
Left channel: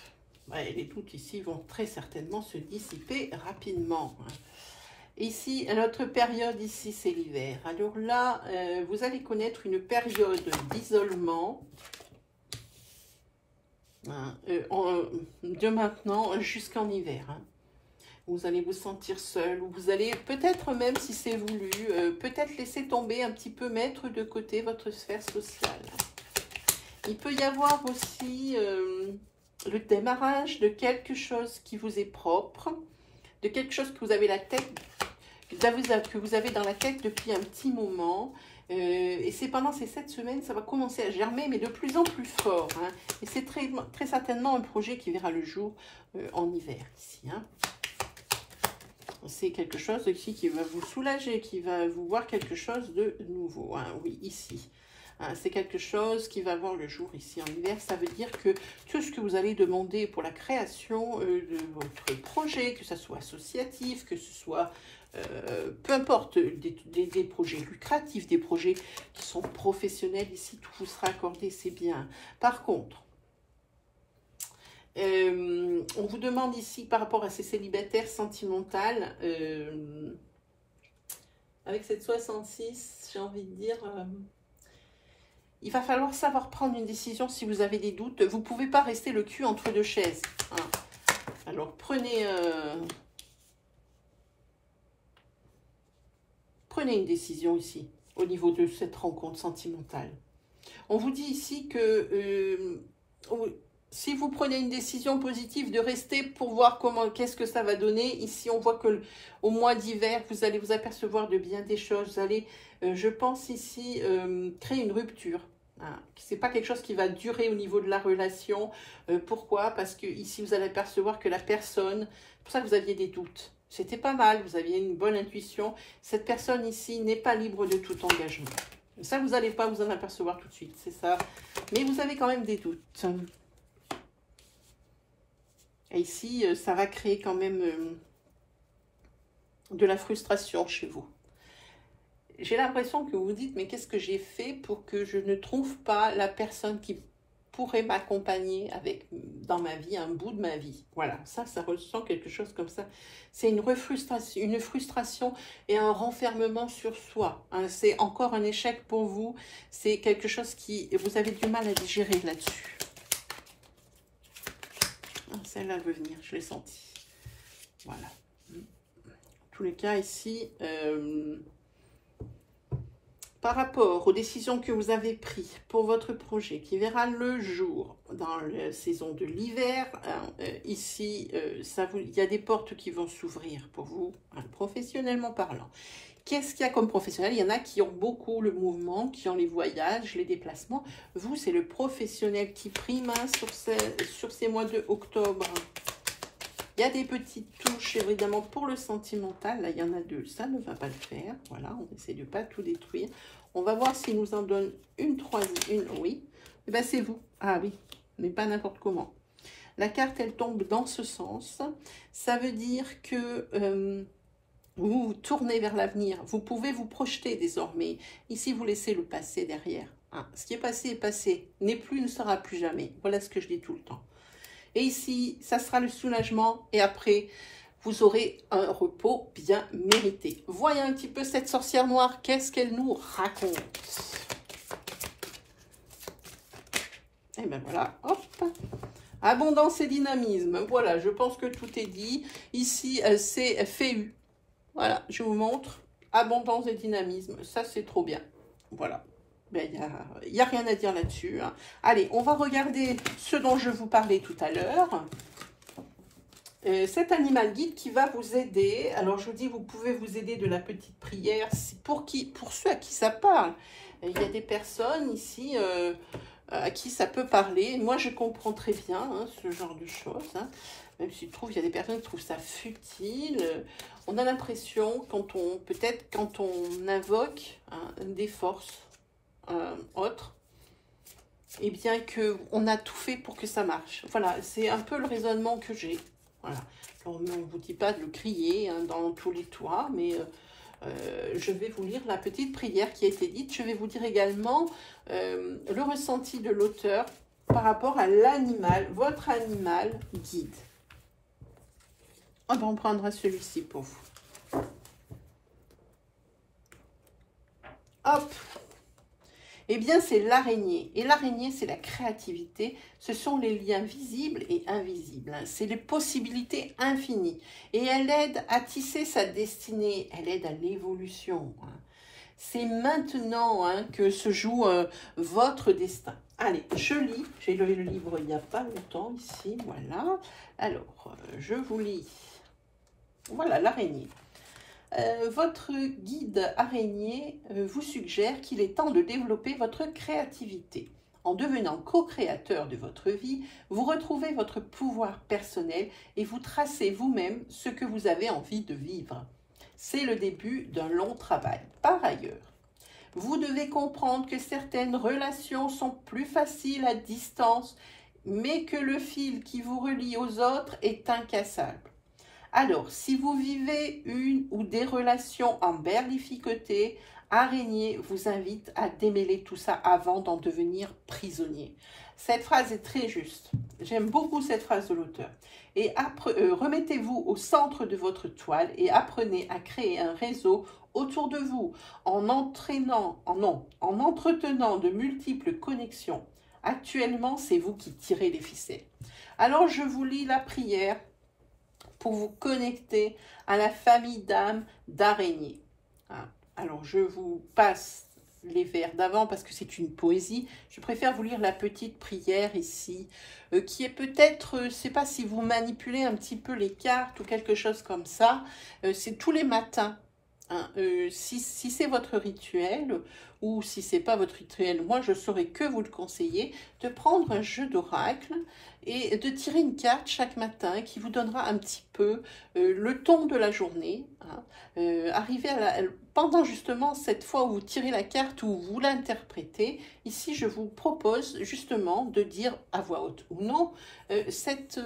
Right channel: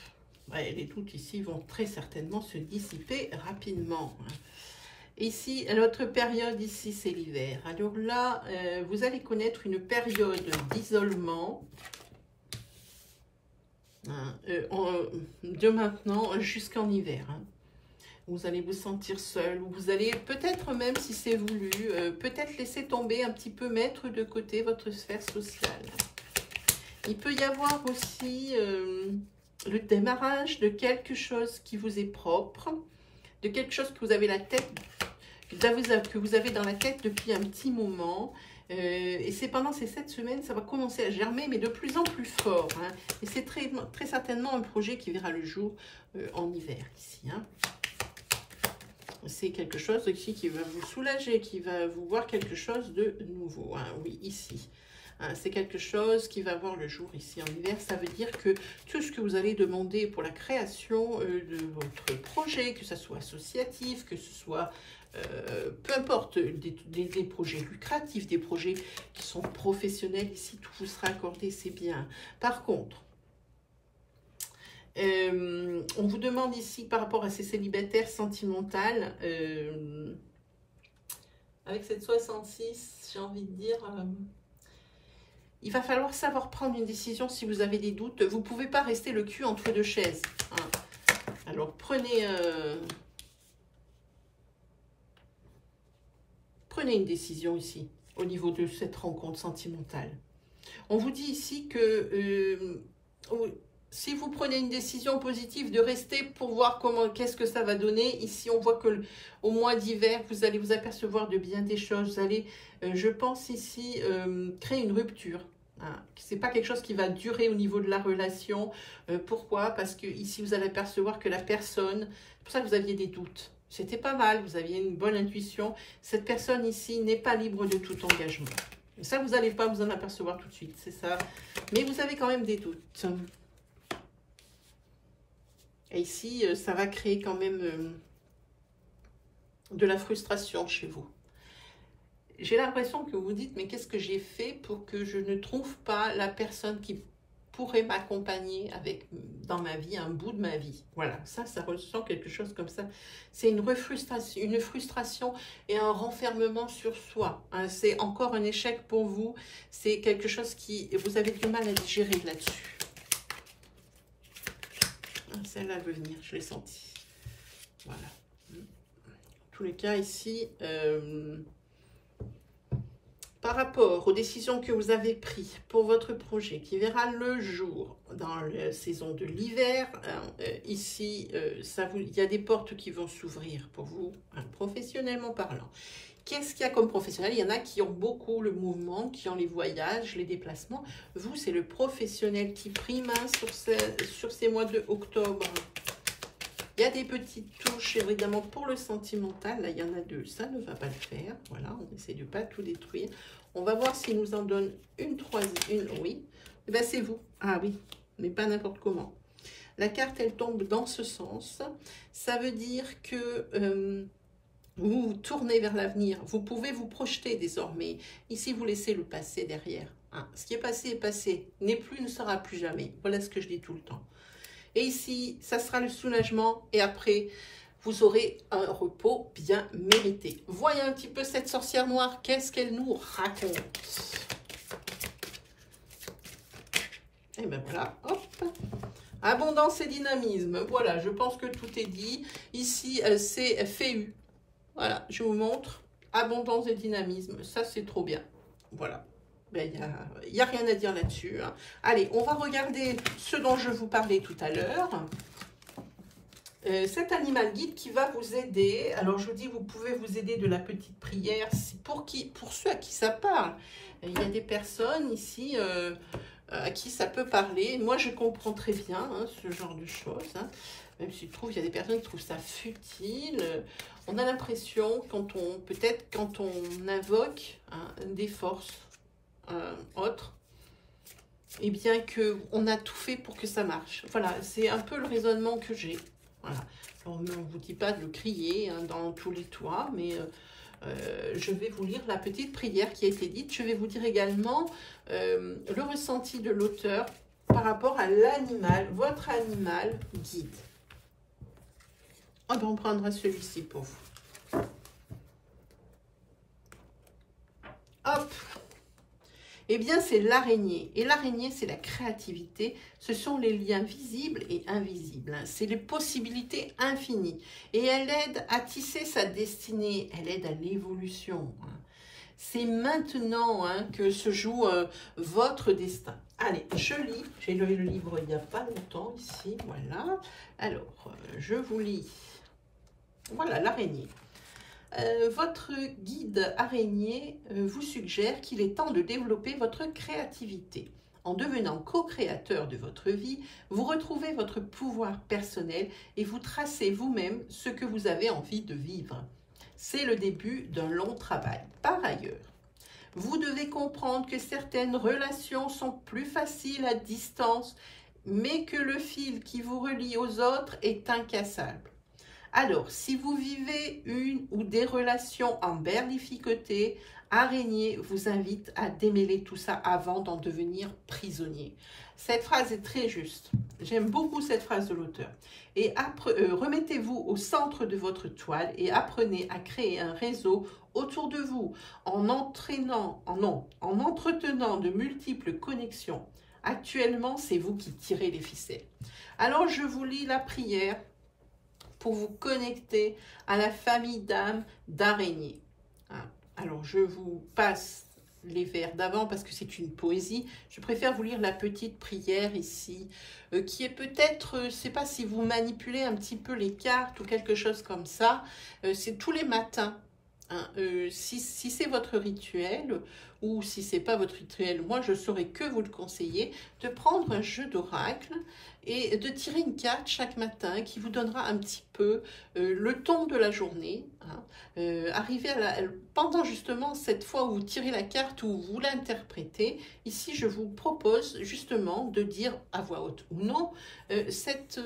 Ouais, les doutes ici vont très certainement se dissiper rapidement. Ici, notre période ici, c'est l'hiver. Alors là, vous allez connaître une période d'isolement hein, de maintenant jusqu'en hiver. Hein. Vous allez vous sentir seul, ou vous allez peut-être même, si c'est voulu, peut-être laisser tomber un petit peu, mettre de côté votre sphère sociale. Il peut y avoir aussi le démarrage de quelque chose qui vous est propre, de quelque chose que vous avez la tête, que vous avez dans la tête depuis un petit moment. Et c'est pendant ces 7 semaines, ça va commencer à germer, mais de plus en plus fort. Hein. Et c'est très certainement un projet qui verra le jour en hiver ici. Hein. C'est quelque chose ici qui va vous soulager, qui va vous voir quelque chose de nouveau. Hein. Oui, ici. Hein, c'est quelque chose qui va voir le jour ici en hiver. Ça veut dire que tout ce que vous allez demander pour la création de votre projet, que ce soit associatif, que ce soit peu importe, des projets lucratifs, des projets qui sont professionnels, ici tout vous sera accordé, c'est bien. Par contre, on vous demande ici par rapport à ces célibataires sentimentales, avec cette 66, j'ai envie de dire, il va falloir savoir prendre une décision si vous avez des doutes. Vous ne pouvez pas rester le cul entre deux chaises. Hein. Alors prenez une décision ici, au niveau de cette rencontre sentimentale. On vous dit ici que si vous prenez une décision positive de rester pour voir qu'est-ce que ça va donner, ici on voit que au mois d'hiver, vous allez vous apercevoir de bien des choses. Vous allez, je pense ici, créer une rupture. Hein. Ce n'est pas quelque chose qui va durer au niveau de la relation. Pourquoi? Parce que ici vous allez apercevoir que la personne, c'est pour ça que vous aviez des doutes. C'était pas mal, vous aviez une bonne intuition. Cette personne ici n'est pas libre de tout engagement. Ça, vous n'allez pas vous en apercevoir tout de suite, c'est ça. Mais vous avez quand même des doutes. Et ici, ça va créer quand même de la frustration chez vous. J'ai l'impression que vous vous dites, mais qu'est-ce que j'ai fait pour que je ne trouve pas la personne qui pourrait m'accompagner dans ma vie, un bout de ma vie. Voilà, ça ressent quelque chose comme ça. C'est une frustration et un renfermement sur soi. Hein. C'est encore un échec pour vous. C'est quelque chose qui, vous avez du mal à digérer là-dessus. Celle-là veut venir, je l'ai senti. Voilà. En tous les cas, ici, par rapport aux décisions que vous avez prises pour votre projet, qui verra le jour dans la saison de l'hiver, hein, ici, il y a des portes qui vont s'ouvrir pour vous, hein, professionnellement parlant. Qu'est-ce qu'il y a comme professionnel? Il y en a qui ont beaucoup le mouvement, qui ont les voyages, les déplacements. Vous, c'est le professionnel qui prime sur ces mois de octobre. Il y a des petites touches, évidemment, pour le sentimental. Là, il y en a deux. Ça ne va pas le faire. Voilà, on essaie de ne pas tout détruire. On va voir s'il nous en donne une troisième. Oui, ben, c'est vous. Ah oui, mais pas n'importe comment. La carte, elle tombe dans ce sens. Ça veut dire que... vous vous tournez vers l'avenir, vous pouvez vous projeter désormais. Ici, vous laissez le passé derrière. Hein. Ce qui est passé, n'est plus, ne sera plus jamais. Voilà ce que je dis tout le temps. Et ici, ça sera le soulagement et après, vous aurez un repos bien mérité. Voyez un petit peu cette sorcière noire, qu'est-ce qu'elle nous raconte? Et ben voilà, hop. Abondance et dynamisme. Voilà, je pense que tout est dit. Ici, c'est FEU. Voilà, je vous montre. Abondance et dynamisme. Ça, c'est trop bien. Voilà. Ben, il n'y a rien à dire là-dessus. Hein. Allez, on va regarder ce dont je vous parlais tout à l'heure. Cet animal guide qui va vous aider. Alors, je vous dis, vous pouvez vous aider de la petite prière. Pour ceux à qui ça parle. Il y a des personnes ici à qui ça peut parler. Moi, je comprends très bien hein, ce genre de choses. Hein. Même s'il trouve, il y a des personnes qui trouvent ça futile. On a l'impression, peut-être quand on invoque hein, des forces autres, et bien qu'on a tout fait pour que ça marche. Voilà, c'est un peu le raisonnement que j'ai. Voilà. On ne vous dit pas de le crier hein, dans tous les toits, mais je vais vous lire la petite prière qui a été dite. Je vais vous dire également le ressenti de l'auteur par rapport à l'animal, votre animal guide. On prendra celui-ci pour vous. Hop. Eh bien, c'est l'araignée. Et l'araignée, c'est la créativité. Ce sont les liens visibles et invisibles. Hein. C'est les possibilités infinies. Et elle aide à tisser sa destinée. Elle aide à l'évolution. Hein. C'est maintenant hein, que se joue votre destin. Allez, je lis. J'ai lu le livre il n'y a pas longtemps ici. Voilà. Alors, je vous lis. Voilà, l'araignée. Votre guide araignée vous suggère qu'il est temps de développer votre créativité. En devenant co-créateur de votre vie, vous retrouvez votre pouvoir personnel et vous tracez vous-même ce que vous avez envie de vivre. C'est le début d'un long travail. Par ailleurs, Vous devez comprendre que certaines relations sont plus faciles à distance, mais que le fil qui vous relie aux autres est incassable. Alors, si vous vivez une ou des relations en berlificoté, Araignée vous invite à démêler tout ça avant d'en devenir prisonnier. Cette phrase est très juste. J'aime beaucoup cette phrase de l'auteur. Et remettez-vous au centre de votre toile et apprenez à créer un réseau autour de vous en entretenant de multiples connexions. Actuellement, c'est vous qui tirez les ficelles. Alors, je vous lis la prière pour vous connecter à la famille d'âmes d'araignées. Alors, je vous passe les vers d'avant parce que c'est une poésie. Je préfère vous lire la petite prière ici, qui est peut-être, je ne sais pas si vous manipulez un petit peu les cartes ou quelque chose comme ça. C'est tous les matins. Si c'est votre rituel ou si c'est pas votre rituel, moi je saurais que vous le conseiller de prendre un jeu d'oracle et de tirer une carte chaque matin qui vous donnera un petit peu le ton de la journée. Arriver pendant justement cette fois où vous tirez la carte ou vous l'interprétez, ici je vous propose justement de dire à voix haute ou non cette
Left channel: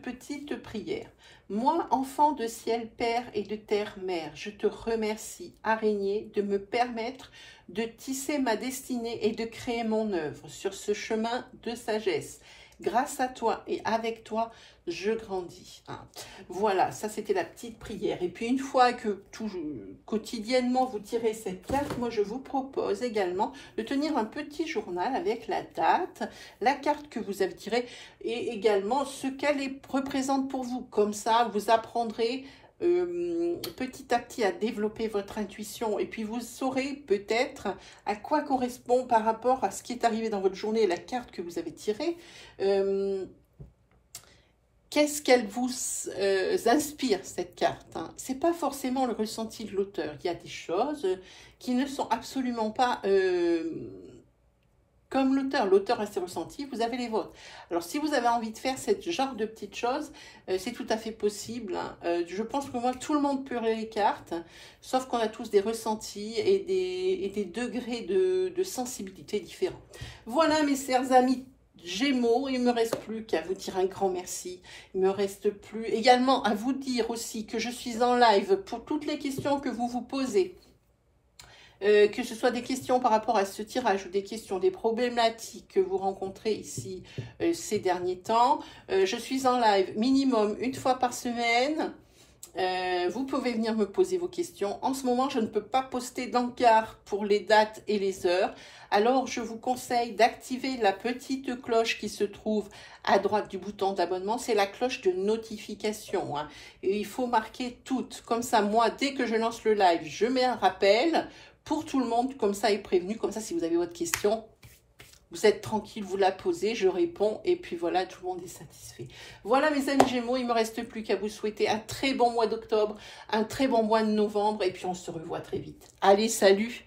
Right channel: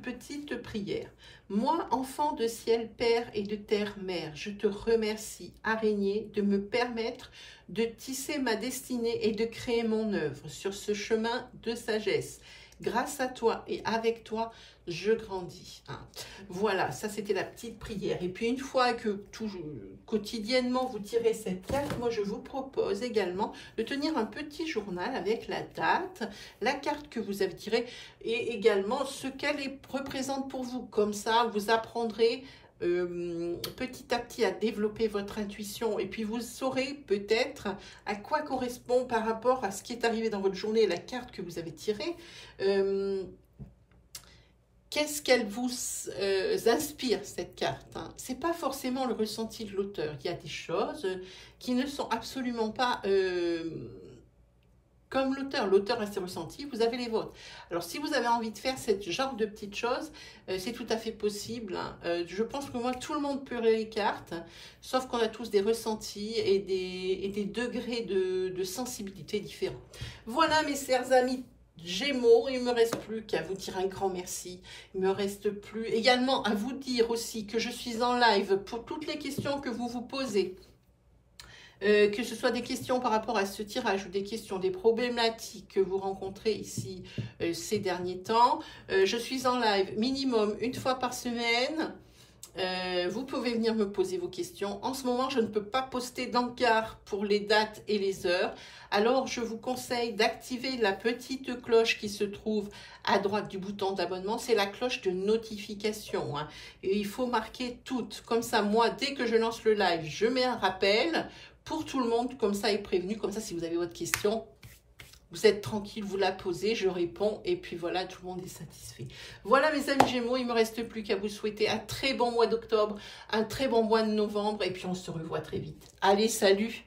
petite prière. Moi, enfant de ciel père et de terre mère, je te remercie, araignée, de me permettre de tisser ma destinée et de créer mon œuvre sur ce chemin de sagesse. Grâce à toi et avec toi, je grandis. Voilà, ça c'était la petite prière. Et puis une fois que quotidiennement vous tirez cette carte, moi je vous propose également de tenir un petit journal avec la date, la carte que vous avez tirée et également ce qu'elle représente pour vous. Comme ça, vous apprendrez petit à petit à développer votre intuition et puis vous saurez peut-être à quoi correspond par rapport à ce qui est arrivé dans votre journée, la carte que vous avez tirée. Qu'est-ce qu'elle vous inspire, cette carte, C'est pas forcément le ressenti de l'auteur. Il y a des choses qui ne sont absolument pas comme l'auteur. L'auteur a ses ressentis, vous avez les vôtres. Alors, si vous avez envie de faire ce genre de petites choses, c'est tout à fait possible. Je pense que moi, tout le monde peut lire les cartes, sauf qu'on a tous des ressentis et des degrés de sensibilité différents. Voilà, mes chers amis Gémeaux, il ne me reste plus qu'à vous dire un grand merci. Il ne me reste plus également à vous dire aussi que je suis en live pour toutes les questions que vous vous posez. Que ce soit des questions par rapport à ce tirage ou des questions, des problématiques que vous rencontrez ici ces derniers temps. Je suis en live minimum une fois par semaine. Vous pouvez venir me poser vos questions. En ce moment, je ne peux pas poster d'encart pour les dates et les heures. Alors, je vous conseille d'activer la petite cloche qui se trouve à droite du bouton d'abonnement. C'est la cloche de notification. Et il faut marquer toutes. Comme ça, moi, dès que je lance le live, je mets un rappel pour tout le monde. Comme ça, il est prévenu. Comme ça, si vous avez votre question, vous êtes tranquille, vous la posez, je réponds et puis voilà, tout le monde est satisfait. Voilà mes amis Gémeaux, il ne me reste plus qu'à vous souhaiter un très bon mois d'octobre, un très bon mois de novembre et puis on se revoit très vite. Allez, salut!